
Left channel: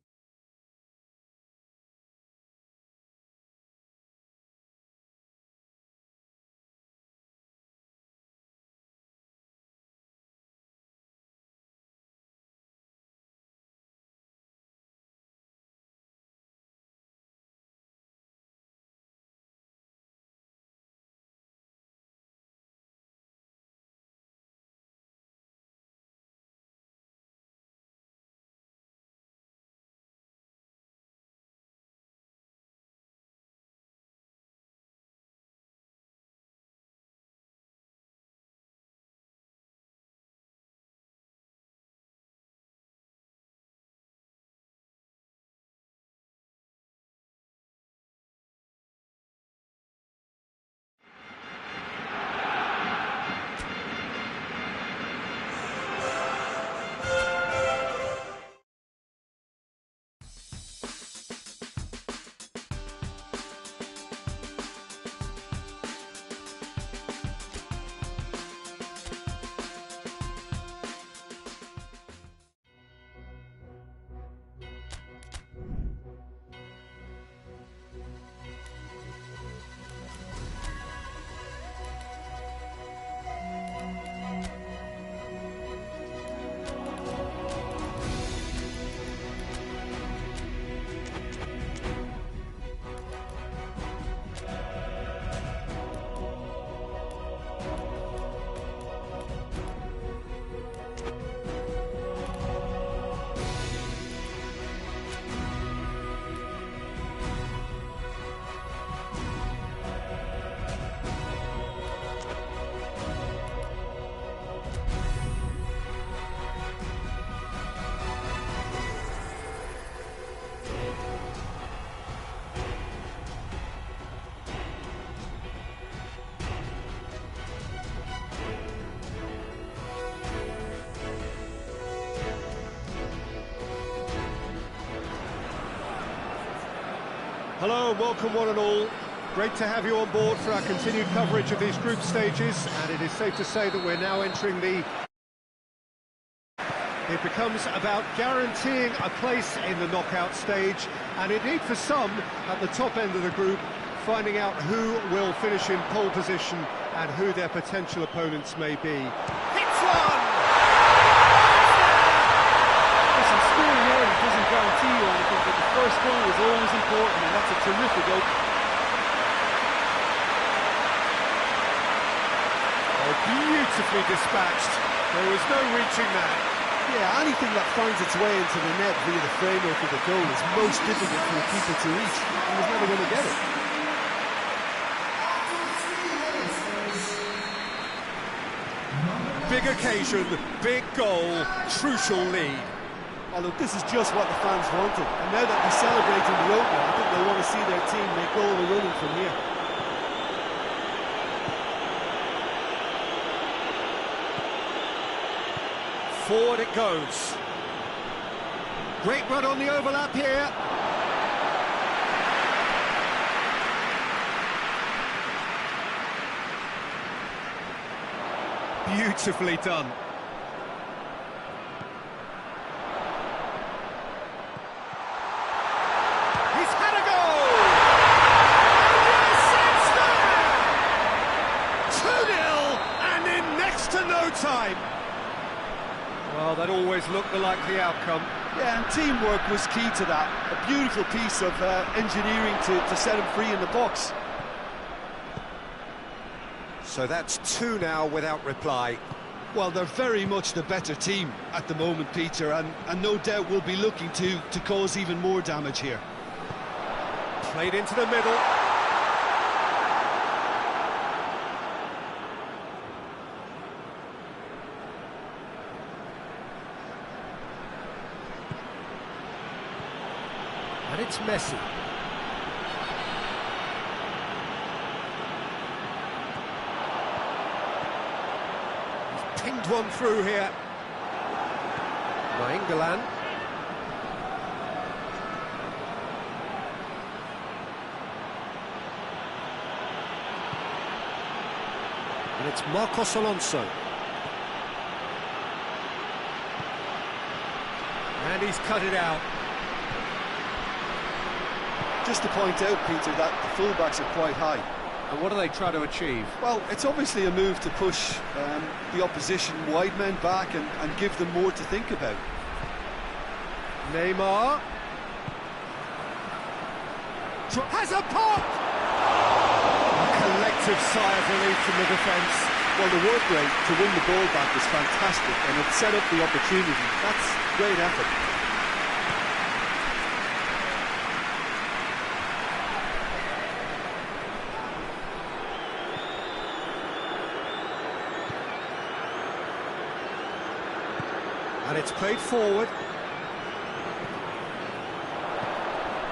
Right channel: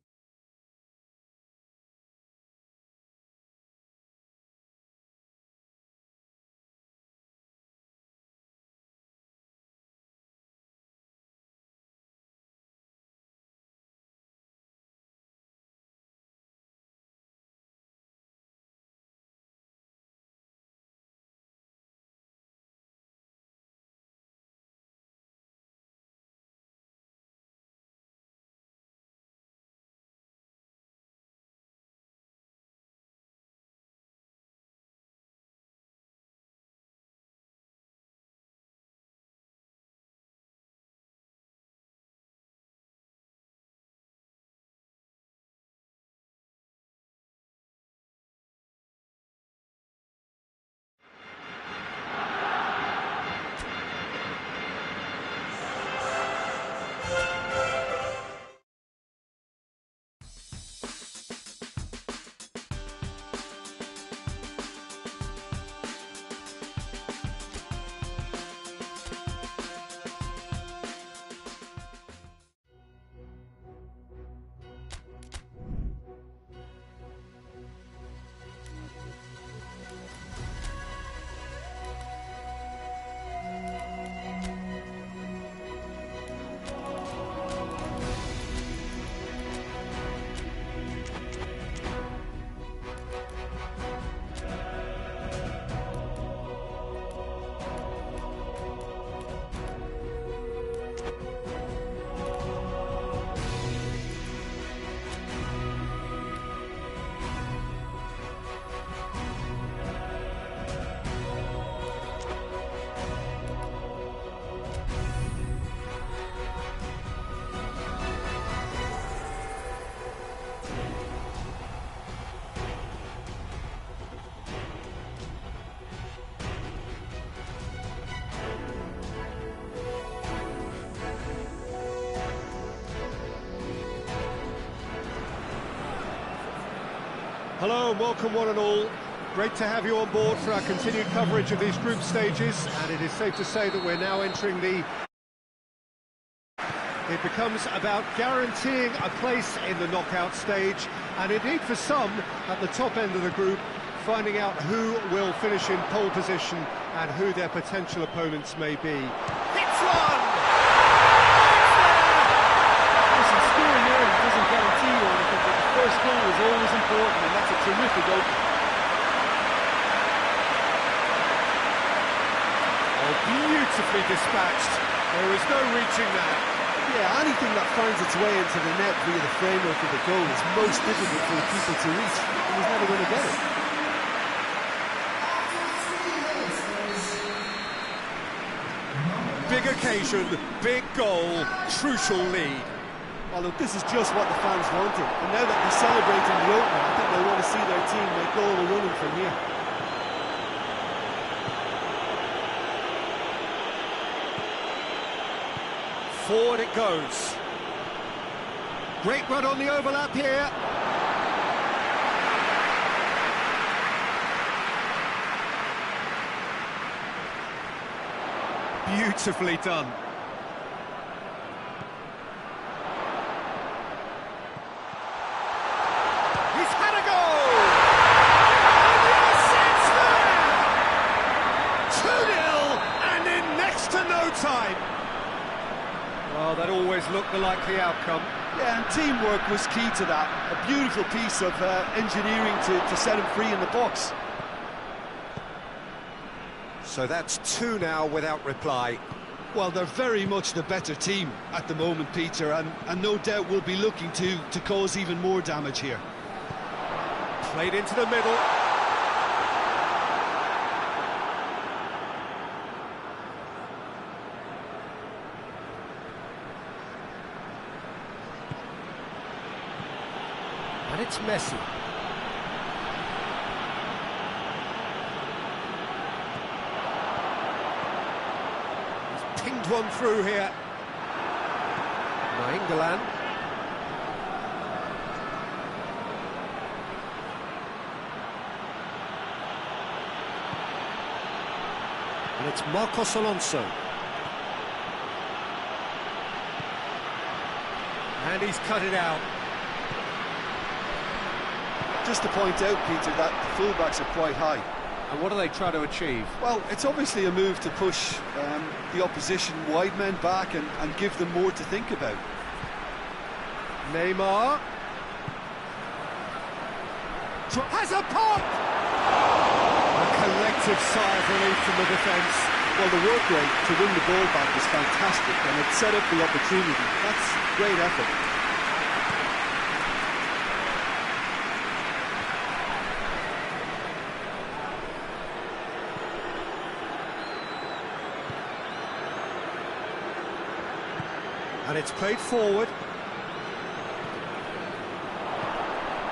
Hello and welcome one and all. Great to have you on board for our continued coverage of these group stages, and it is safe to say that we're now entering the... It becomes about guaranteeing a place in the knockout stage, and indeed for some, at the top end of the group, finding out who will finish in pole position and who their potential opponents may be. Hits one! Listen, scoring early doesn't guarantee you anything, but the first goal is always important, and that's a terrific opening. Oh, beautifully dispatched. There was no reaching that. Yeah, anything that finds its way into the net via the framework of the goal is most difficult for the keeper to reach. He was never going to get it. Big occasion, big goal, crucial lead. Oh, look, this is just what the fans wanted. And now that they're celebrating the opener, I think they'll want to see their team make all the running from here. Forward it goes. Great run on the overlap here. Beautifully done. always look the likely outcome. Yeah, and teamwork was key to that. A beautiful piece of engineering to set him free in the box. So that's 2 now without reply. Well, they're very much the better team at the moment, Peter, and no doubt will be looking to cause even more damage here. Played into the middle. And it's Messi. He's pinged one through here. Nainggolan. And it's Marcos Alonso. And he's cut it out. Just to point out, Peter, that the fullbacks are quite high. And what do they try to achieve? Well, it's obviously a move to push the opposition wide men back and give them more to think about. Neymar. Has a pop! A collective sigh of relief from the defence. Well, the work rate to win the ball back was fantastic, and it set up the opportunity. That's great effort. And it's played forward.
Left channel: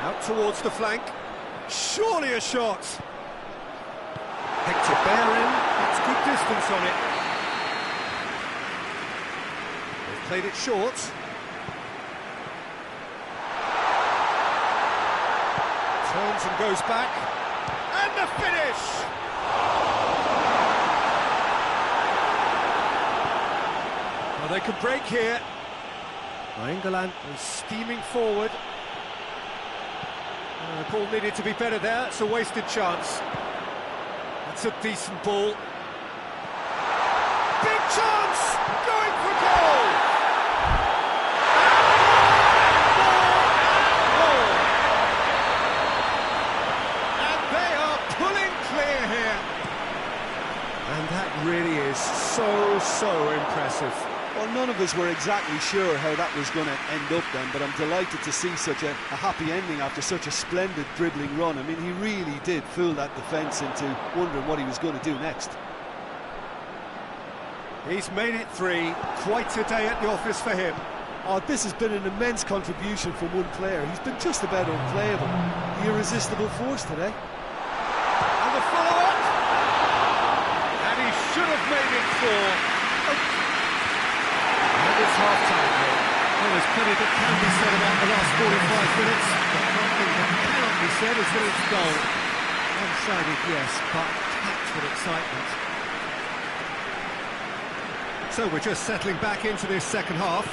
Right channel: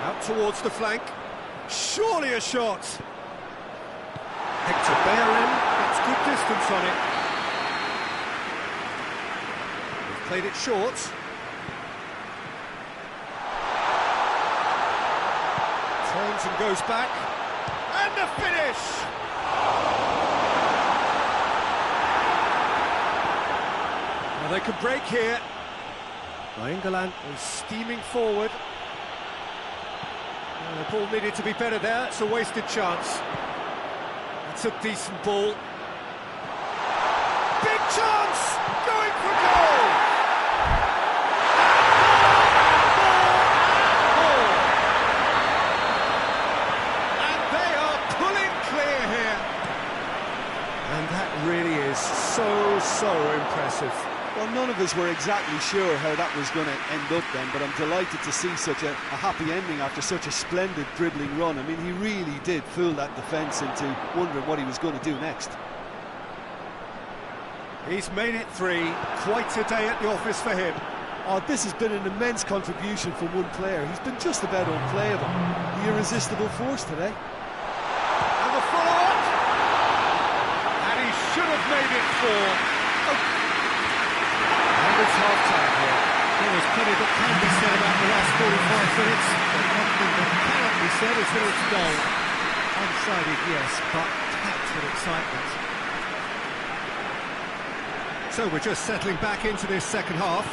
Out towards the flank. Surely a shot. Hector Bellerin gets good distance on it. They've played it short. Turns and goes back. And the finish! Well, they could break here. Nainggolan is steaming forward. The ball needed to be better there. It's a wasted chance. That's a decent ball. Big chance! Going for goal! And more! And they are pulling clear here. And that really is so impressive. Well, none of us were exactly sure how that was going to end up then, but I'm delighted to see such a happy ending after such a splendid dribbling run. I mean, he really did fool that defence into wondering what he was going to do next. He's made it 3. Quite a day at the office for him. Oh, this has been an immense contribution from one player. He's been just about unplayable. The irresistible force today. And the follow-up! And he should have made it 4. Oh. And it's half-time here. Well, there's plenty that can be said about the last 45 minutes, but one thing that cannot be said is that it's dull. One-sided, yes, but packed with excitement. So we're just settling back into this second half.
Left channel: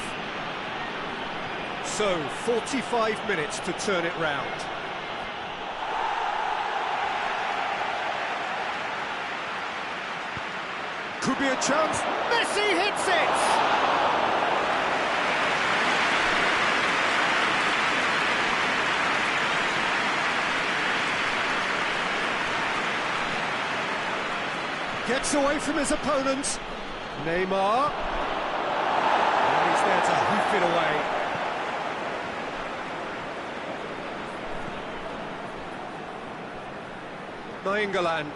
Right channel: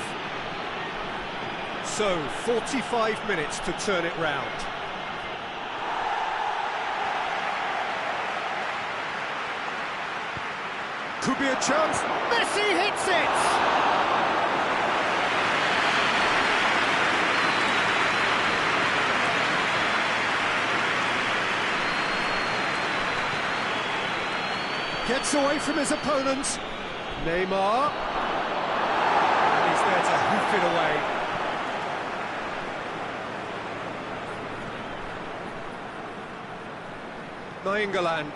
So, 45 minutes to turn it round. Could be a chance. Messi hits it! Gets away from his opponent. Neymar. And he's there to hoof it away. Nainggolan.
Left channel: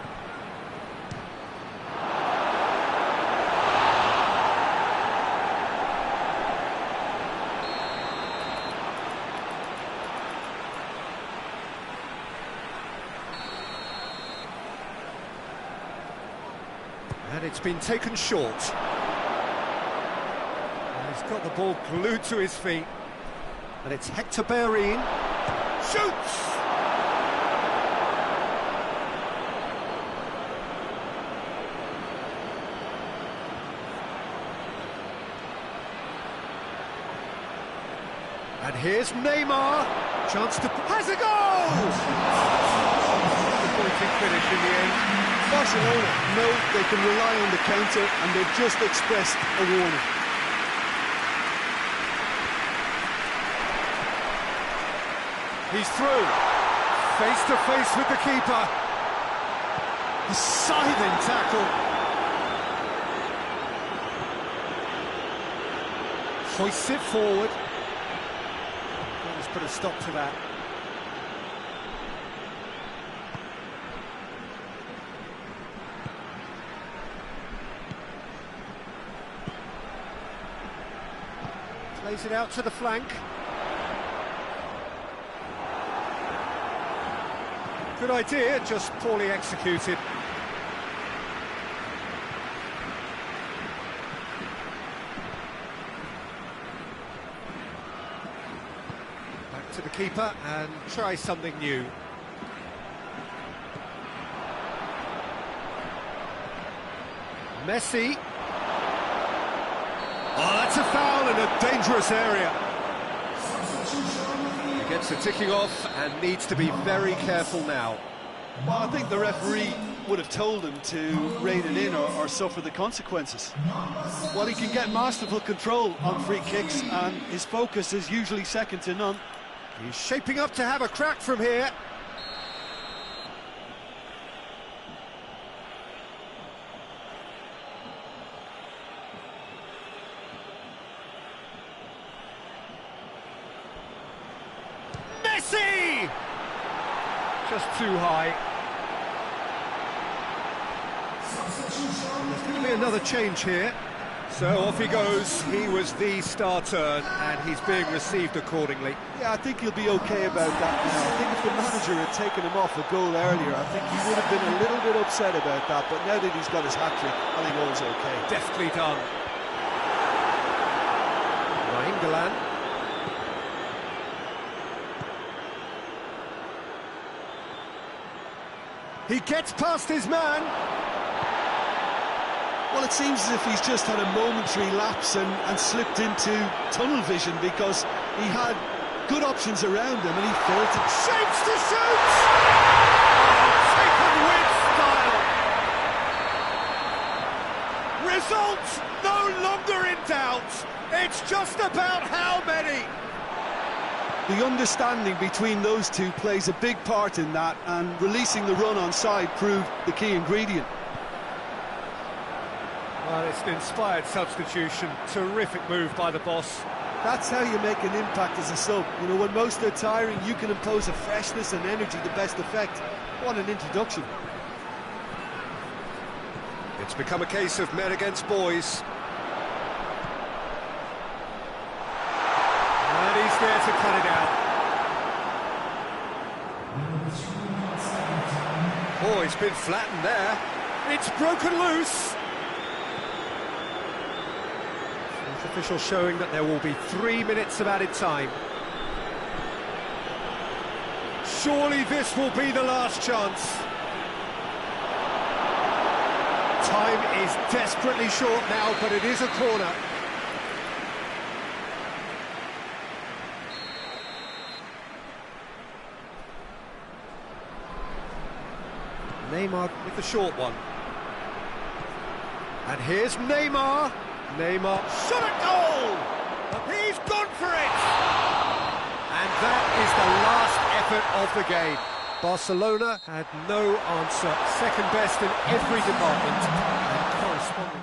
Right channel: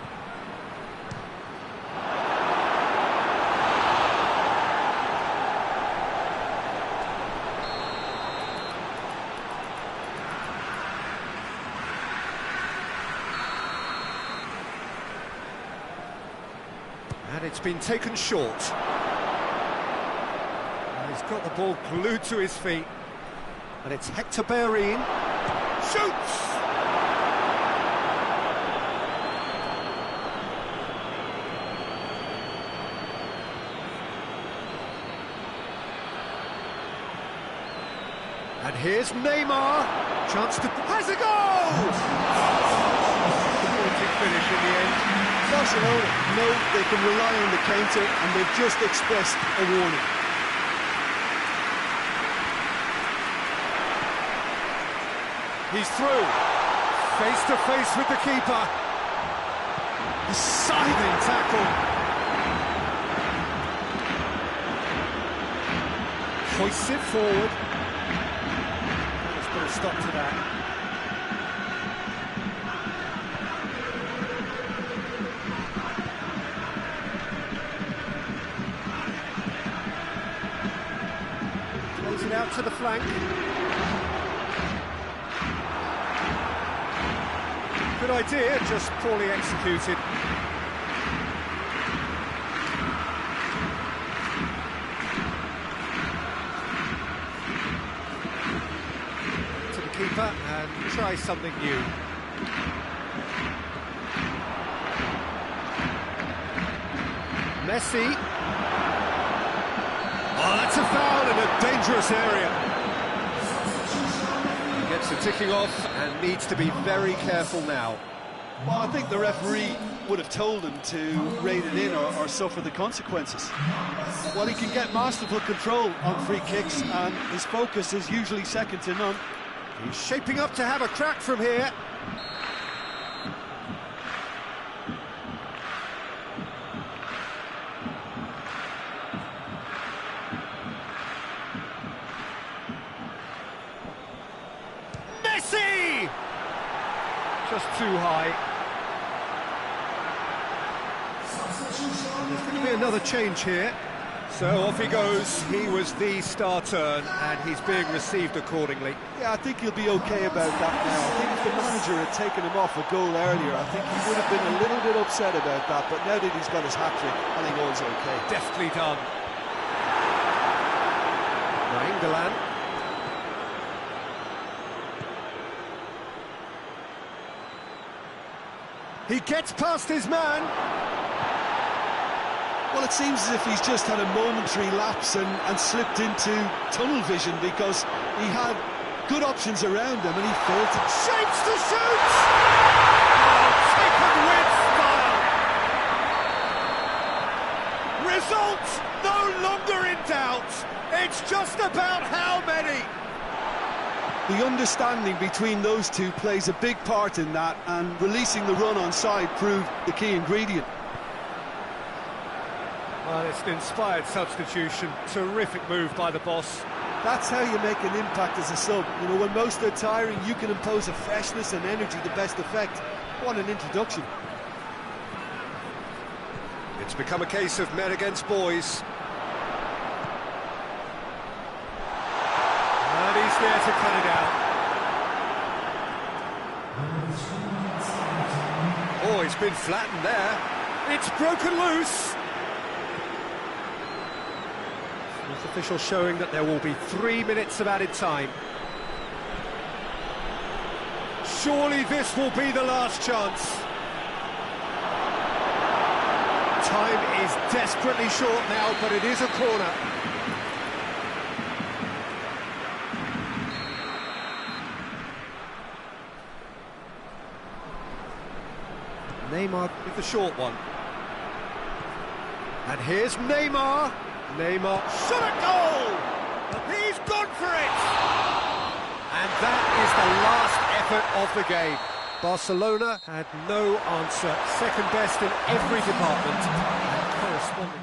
And it's been taken short. And he's got the ball glued to his feet. And it's Hector Bellerin. Shoots! And here's Neymar. Chance to... has a goal! Disappointing finish in the end. Barcelona know they can rely on the counter, and they've just expressed a warning. He's through. Face to face with the keeper. The scything tackle. Hoists it forward. Let's put a stop to that. Plays it out to the flank. Good idea, just poorly executed. Back to the keeper and try something new. Messi. Oh, that's a foul in a dangerous area. He gets the ticking off and needs to be very careful now. Well, I think the referee would have told him to rate it in or suffer the consequences. Well, he can get masterful control on free kicks, and his focus is usually second to none. He's shaping up to have a crack from here. Messi! Just too high. And there's going to be another change here. So off he goes. He was the star turn, and he's being received accordingly. Yeah, I think he'll be okay about that now. I think if the manager had taken him off a goal earlier, I think he would have been a little bit upset about that. But now that he's got his hat-trick, I think all's okay. Deftly done. Nainggolan. He gets past his man. Well, it seems as if he's just had a momentary lapse and slipped into tunnel vision, because he had good options around him and he failed to... Shapes to shoot! Oh, taken with style. Result no longer in doubt. It's just about how many. The understanding between those two plays a big part in that, and releasing the run on side proved the key ingredient. Well, it's an inspired substitution. Terrific move by the boss. That's how you make an impact as a sub. You know, when most are tiring, you can impose a freshness and energy to best effect. What an introduction. It's become a case of men against boys. And he's there to cut it out. Oh, he's been flattened there. It's broken loose. Fourth official showing that there will be 3 minutes of added time. Surely this will be the last chance. Time is desperately short now, but it is a corner. Neymar with the short one. And here's Neymar. Neymar shot a goal! He's gone for it! And that is the last effort of the game. Barcelona had no answer. Second best in every department, and correspondingly...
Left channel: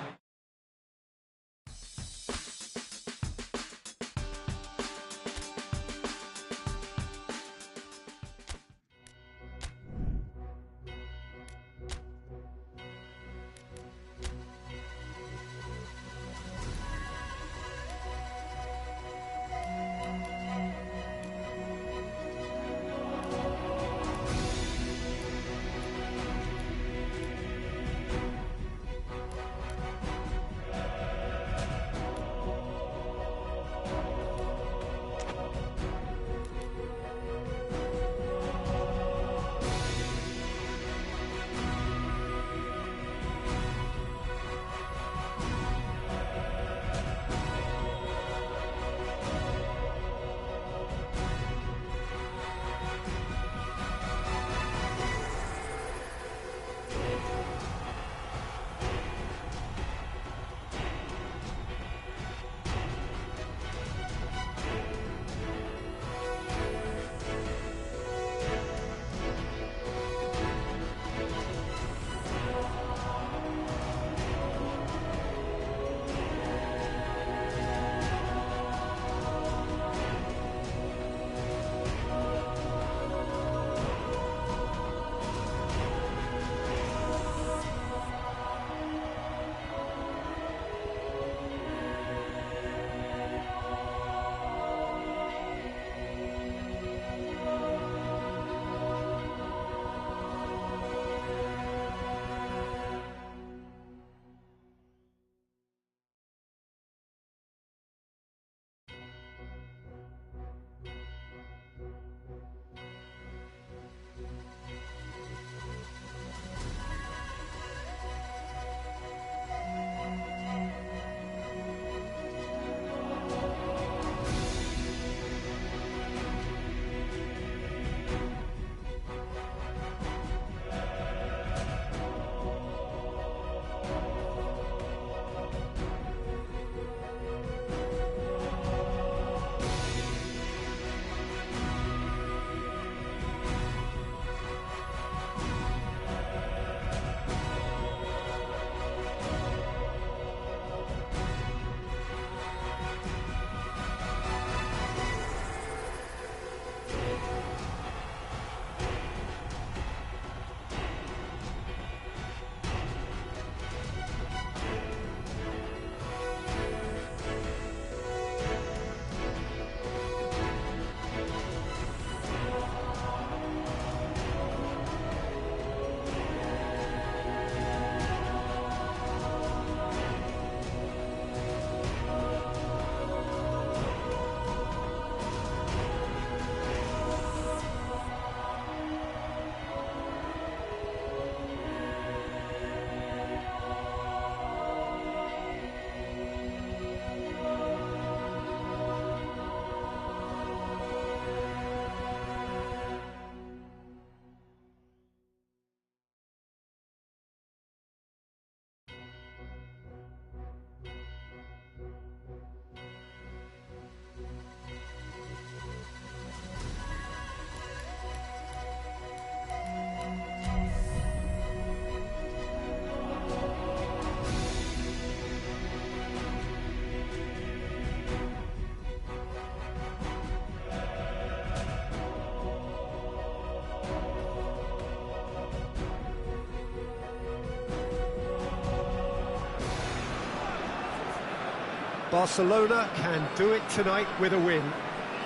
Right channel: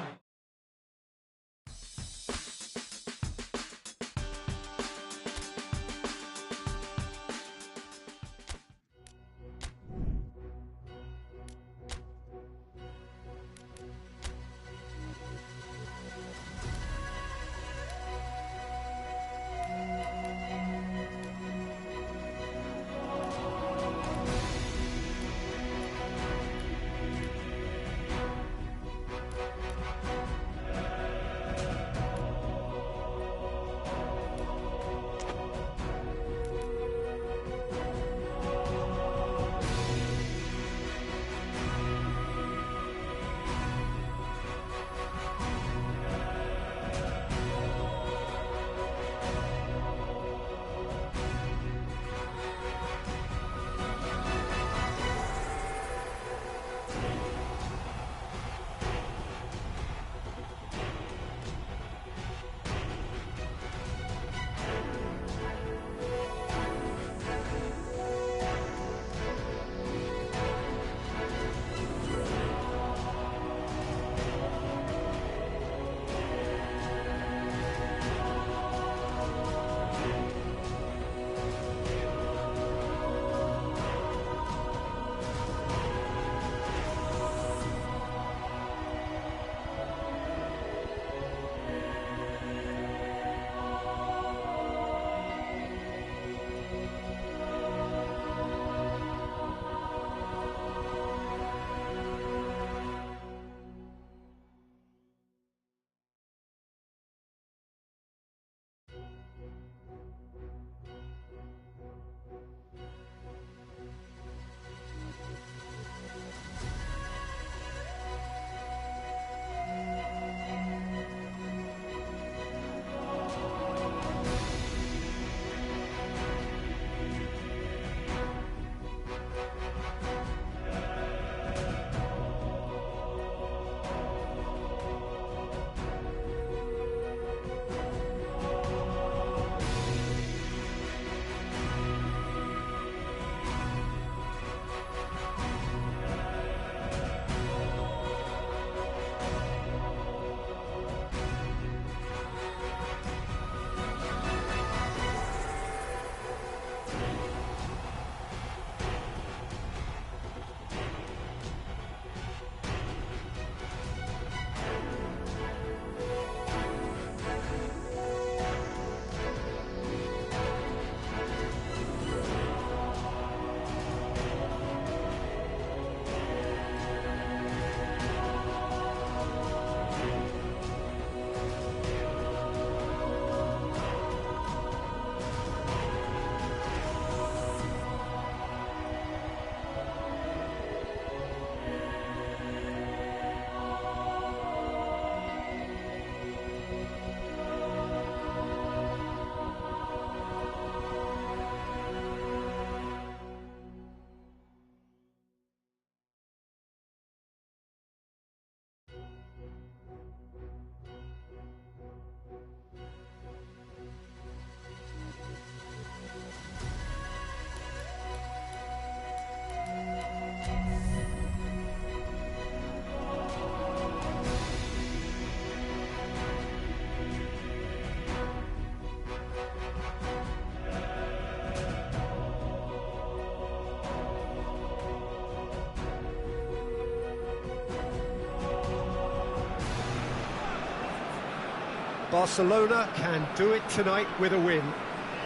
Barcelona can do it tonight with a win.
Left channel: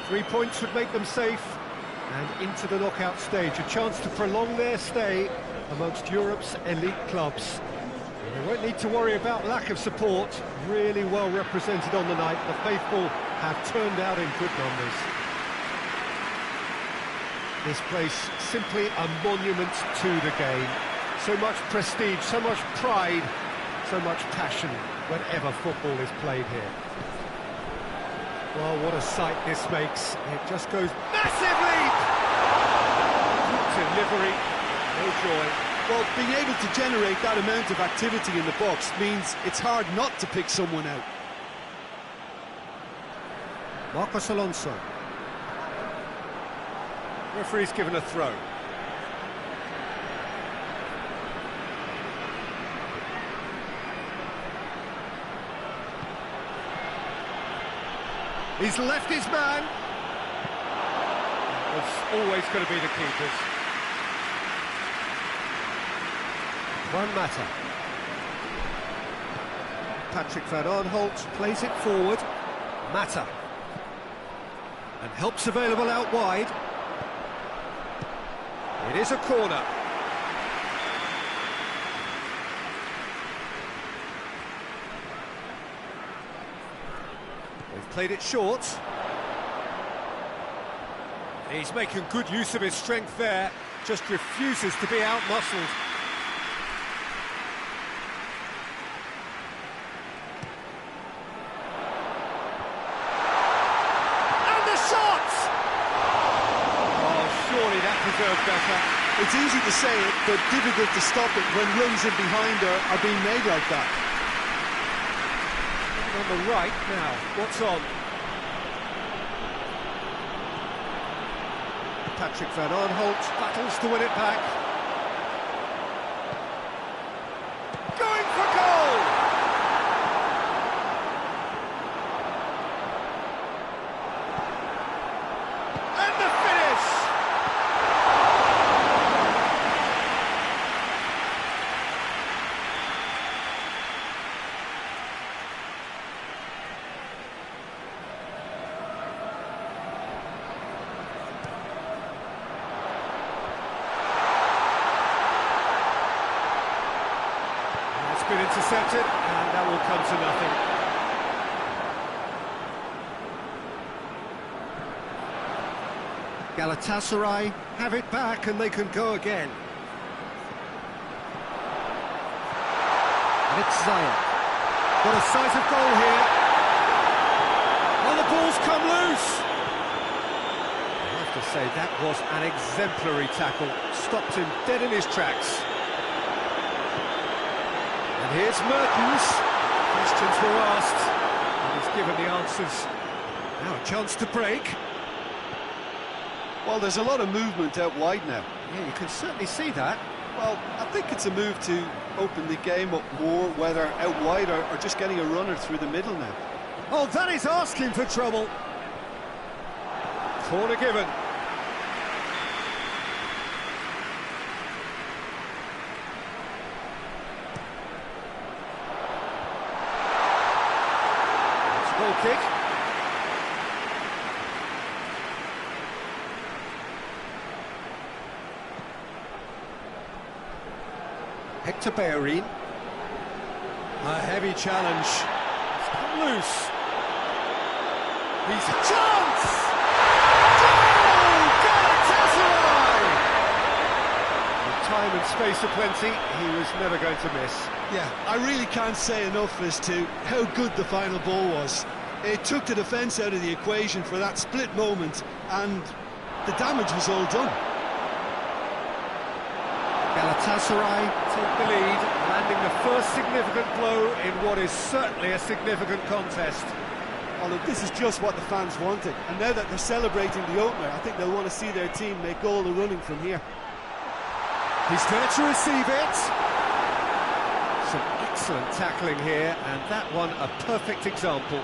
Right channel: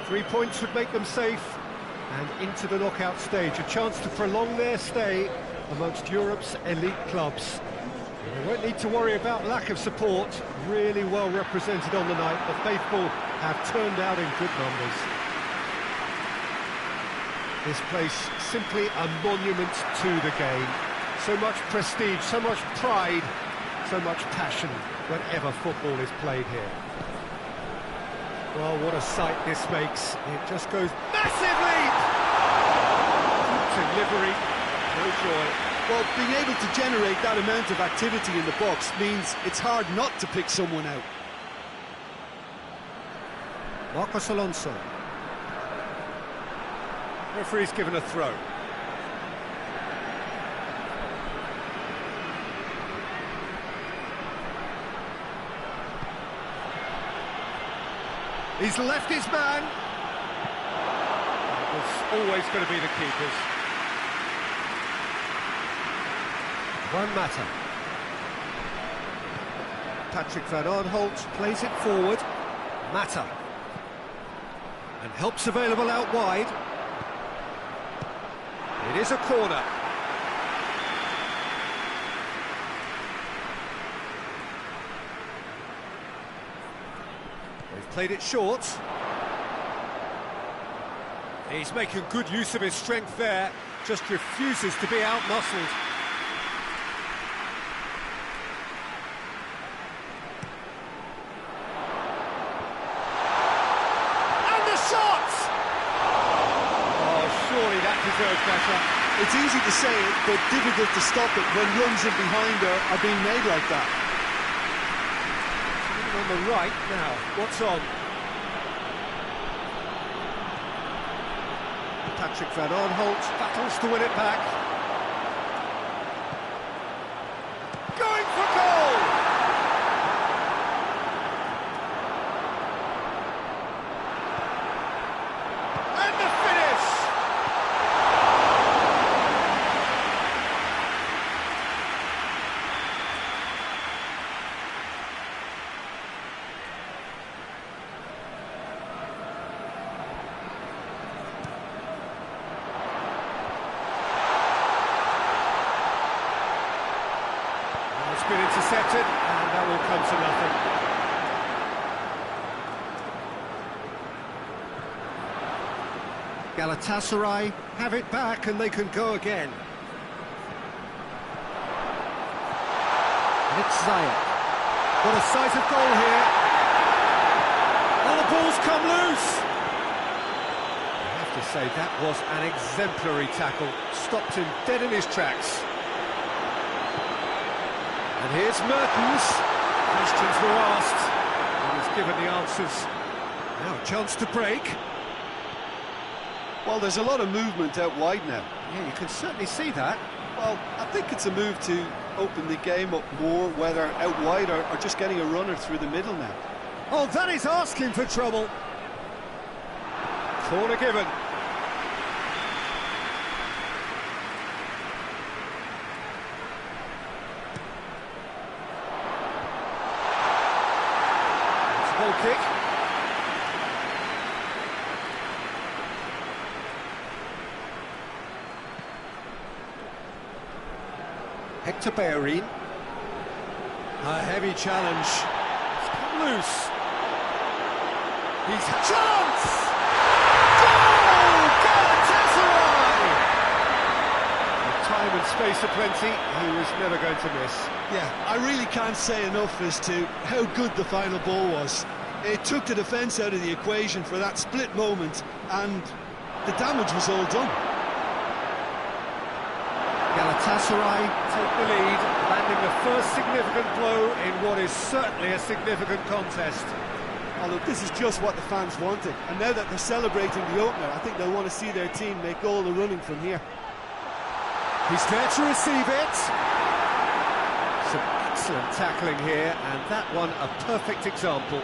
3 points would make them safe and into the knockout stage. A chance to prolong their stay amongst Europe's elite clubs. And they won't need to worry about lack of support. Really well represented on the night. The faithful have turned out in good numbers. This place simply a monument to the game. So much prestige, so much pride, so much passion whenever football is played here. Well, what a sight this makes. It just goes massive leap! Good delivery, no joy. Well, being able to generate that amount of activity in the box means it's hard not to pick someone out. Marcos Alonso. Referee's given a throw. He's left his man. That was always going to be the keeper's. Juan Mata. Patrick Van Aanholt plays it forward. Mata. And help's available out wide. It is a corner. They've played it short. He's making good use of his strength there. Just refuses to be out-muscled. And the shot! Oh, surely that deserved better. It's easy to say it, but difficult to stop it when runs in behind are being made like that. On the right now, what's on? Patrick Van Aanholt battles to win it back. Going for goal! And the finish! It's been intercepted, and that will come to nothing. Galatasaray have it back, and they can go again. And it's Zayat. Got a sight of goal here. Oh, the ball's come loose! I have to say, that was an exemplary tackle. Stopped him dead in his tracks. And here's Mertens. Questions were asked, and he's given the answers. Now a chance to break. Well, there's a lot of movement out wide now. Yeah, you can certainly see that. Well, I think it's a move to open the game up more, whether out wide or just getting a runner through the middle now. Oh, that is asking for trouble. Corner given. Goal kick. Hector Bellerin. A heavy challenge. It's come loose. He's a chance! Goal! Galatasaray! With time and space aplenty, he was never going to miss. Yeah, I really can't say enough as to how good the final ball was. It took the defence out of the equation for that split moment, and the damage was all done. Galatasaray take the lead, landing the first significant blow in what is certainly a significant contest. Oh, look, this is just what the fans wanted, and now that they're celebrating the opener, I think they'll want to see their team make all the running from here. He's there to receive it. Some excellent tackling here, and that one a perfect example.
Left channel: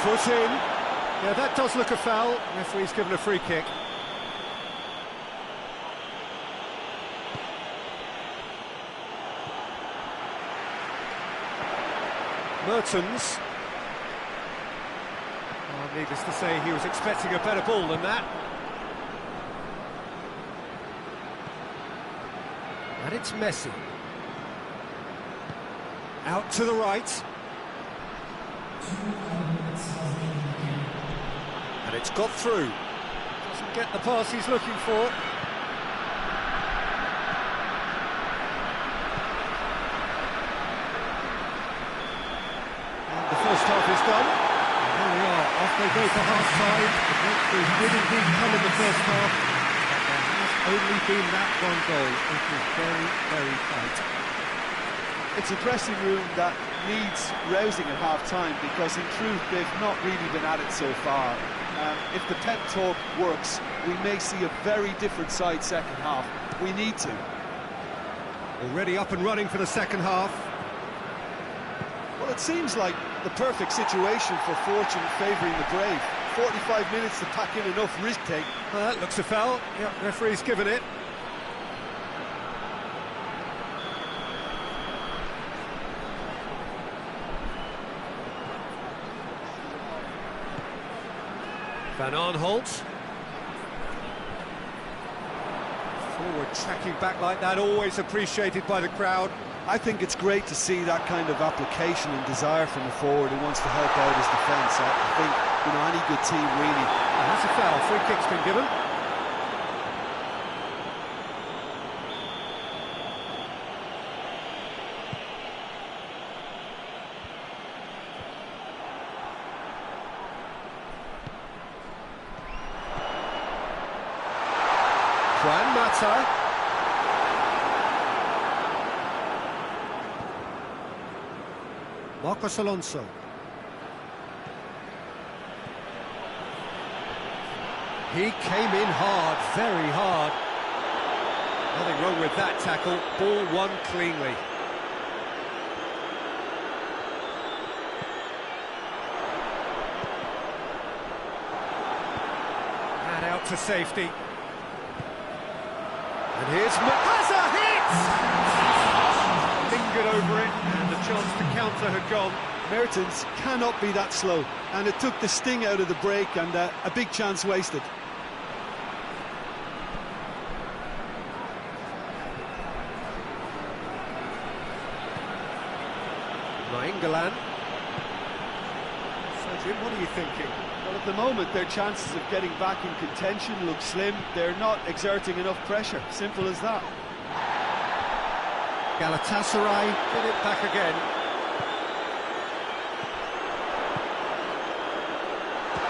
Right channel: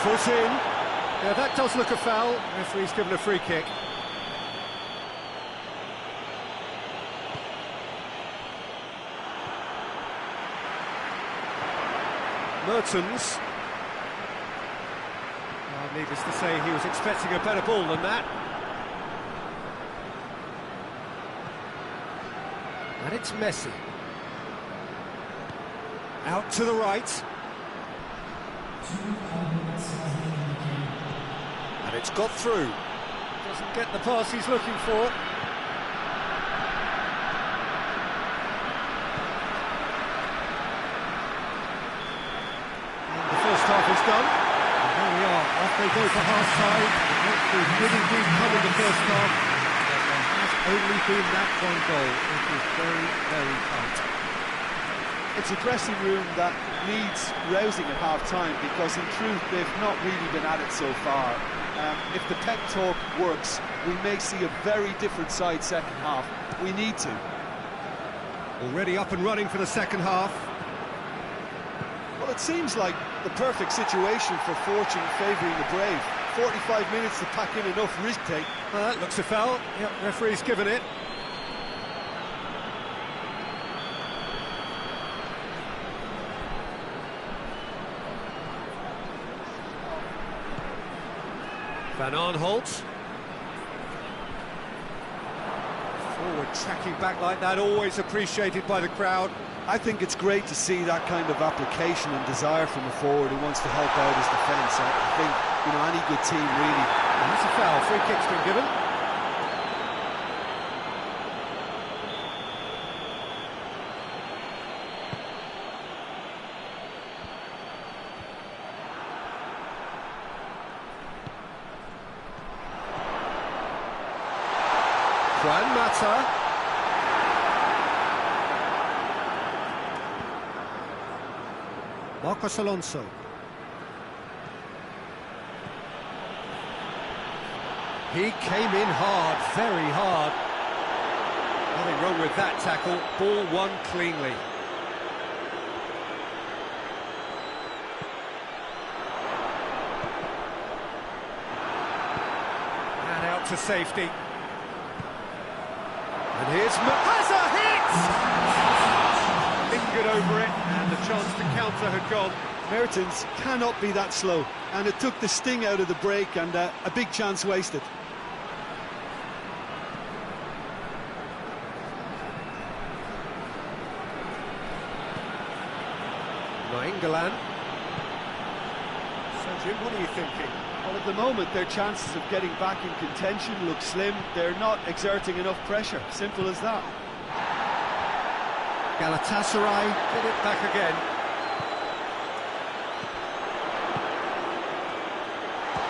Foot in. Yeah, that does look a foul. Referee's given a free kick. Mertens. Well, needless to say, he was expecting a better ball than that. And it's Messi. Out to the right. And it's got through. Doesn't get the pass he's looking for. And the first half is done. And there we are, off they go for half-time. The breakthrough did indeed come in the first half, but there has only been that one goal. It was very, very tight. It's a dressing room that needs rousing at half-time, because in truth they've not really been at it so far. If the pep talk works, we may see a very different side second half. We need to. Already up and running for the second half. Well, it seems like the perfect situation for fortune favouring the brave. 45 minutes to pack in enough risk-take. That looks a foul. Yep, referee's given it. Van Aanholt. Forward tracking back like that, always appreciated by the crowd. I think it's great to see that kind of application and desire from a forward who wants to help out his defence. I think, you know, any good team really. And that's a foul. Free kick's been given. Juan Mata. Marcos Alonso. He came in hard, very hard. Nothing wrong with that tackle. Ball won cleanly. And out to safety. And here's has a hit! Lingered over it, and the chance to counter had gone. Mertens cannot be that slow, and it took the sting out of the break, and a big chance wasted. Nainggolan. So Jim, what are you thinking? Well, at the moment, their chances of getting back in contention look slim. They're not exerting enough pressure. Simple as that. Galatasaray get it back again.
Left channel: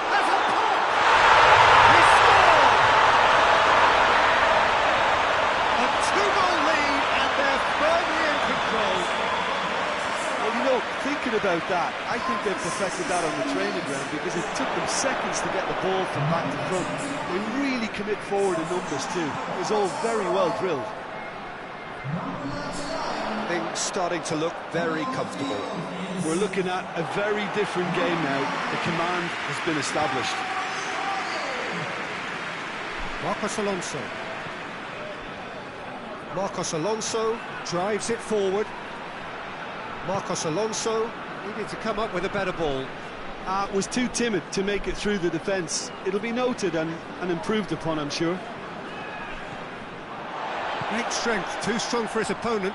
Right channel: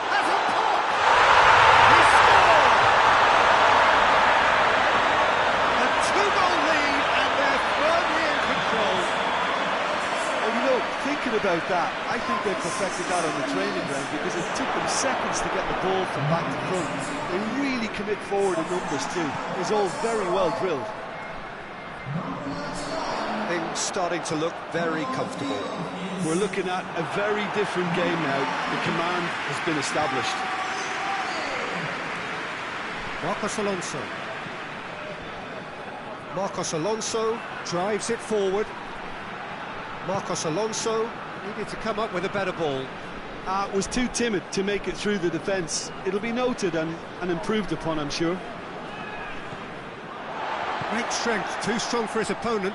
Has a pop! He scored! A two-goal lead, and they're firmly in control. Well, you know, thinking about that, I think they've perfected that on the training ground, because it took them seconds to get the ball from back to front. They really commit forward in numbers too. It was all very well drilled. Things starting to look very comfortable. We're looking at a very different game now. The command has been established. Marcos Alonso. Marcos Alonso drives it forward. Marcos Alonso needed to come up with a better ball. Was too timid to make it through the defence. It'll be noted and improved upon, I'm sure. Great strength, too strong for his opponent.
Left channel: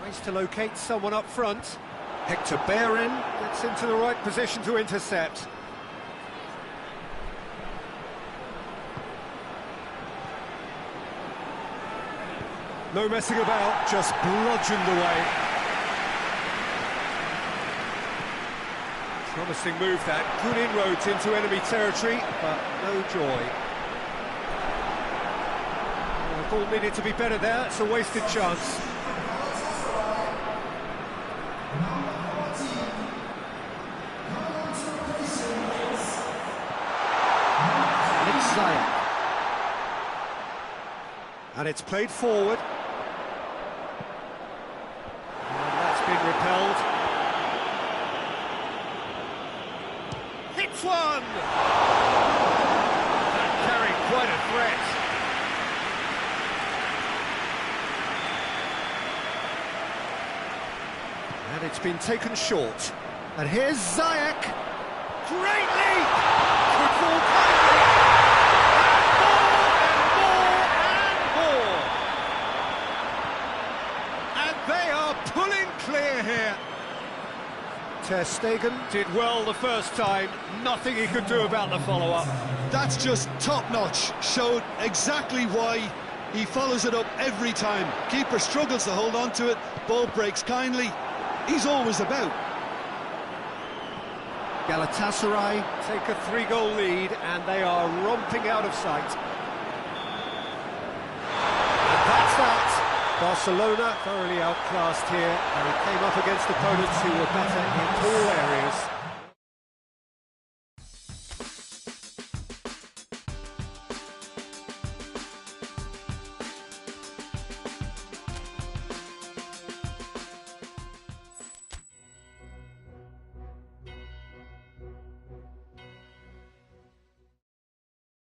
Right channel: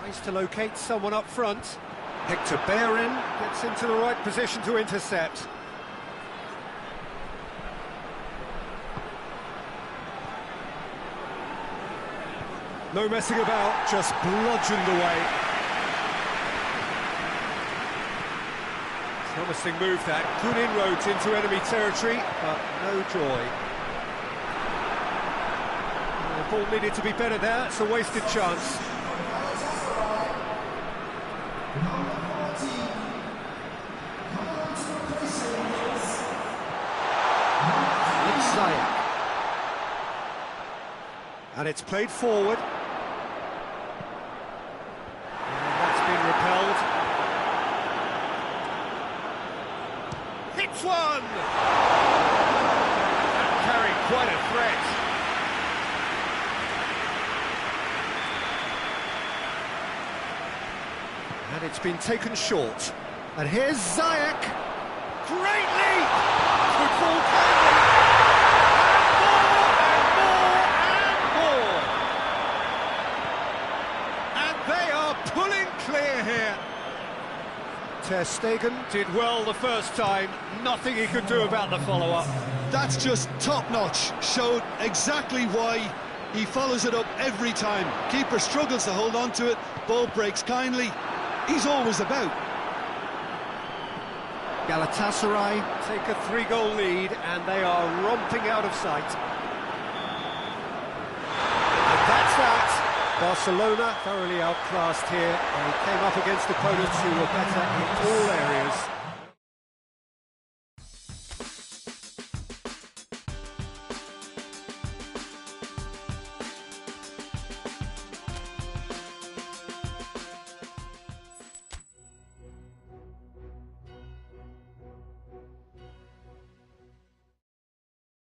Tries to locate someone up front. Hector Bellerin gets into the right position to intercept. No messing about, just bludgeoned away. Promising move that, good inroads into enemy territory, but no joy. The ball needed to be better there, it's a wasted chance. It's Ziyech. And it's played forward. And that's been repelled. Hits one! That carried quite a threat. And it's been taken short. And here's Ziyech. Great leap! Could fall kindly. And more, and more, and more. And they are pulling clear here. Ter Stegen Did well the first time, nothing he could do about the follow-up. That's just top-notch. Showed exactly why he follows it up every time. Keeper struggles to hold on to it, ball breaks kindly. He's always about. Galatasaray take a 3-goal lead and they are romping out of sight. And that's that. Barcelona thoroughly outclassed here. They came up against opponents who were better in all areas.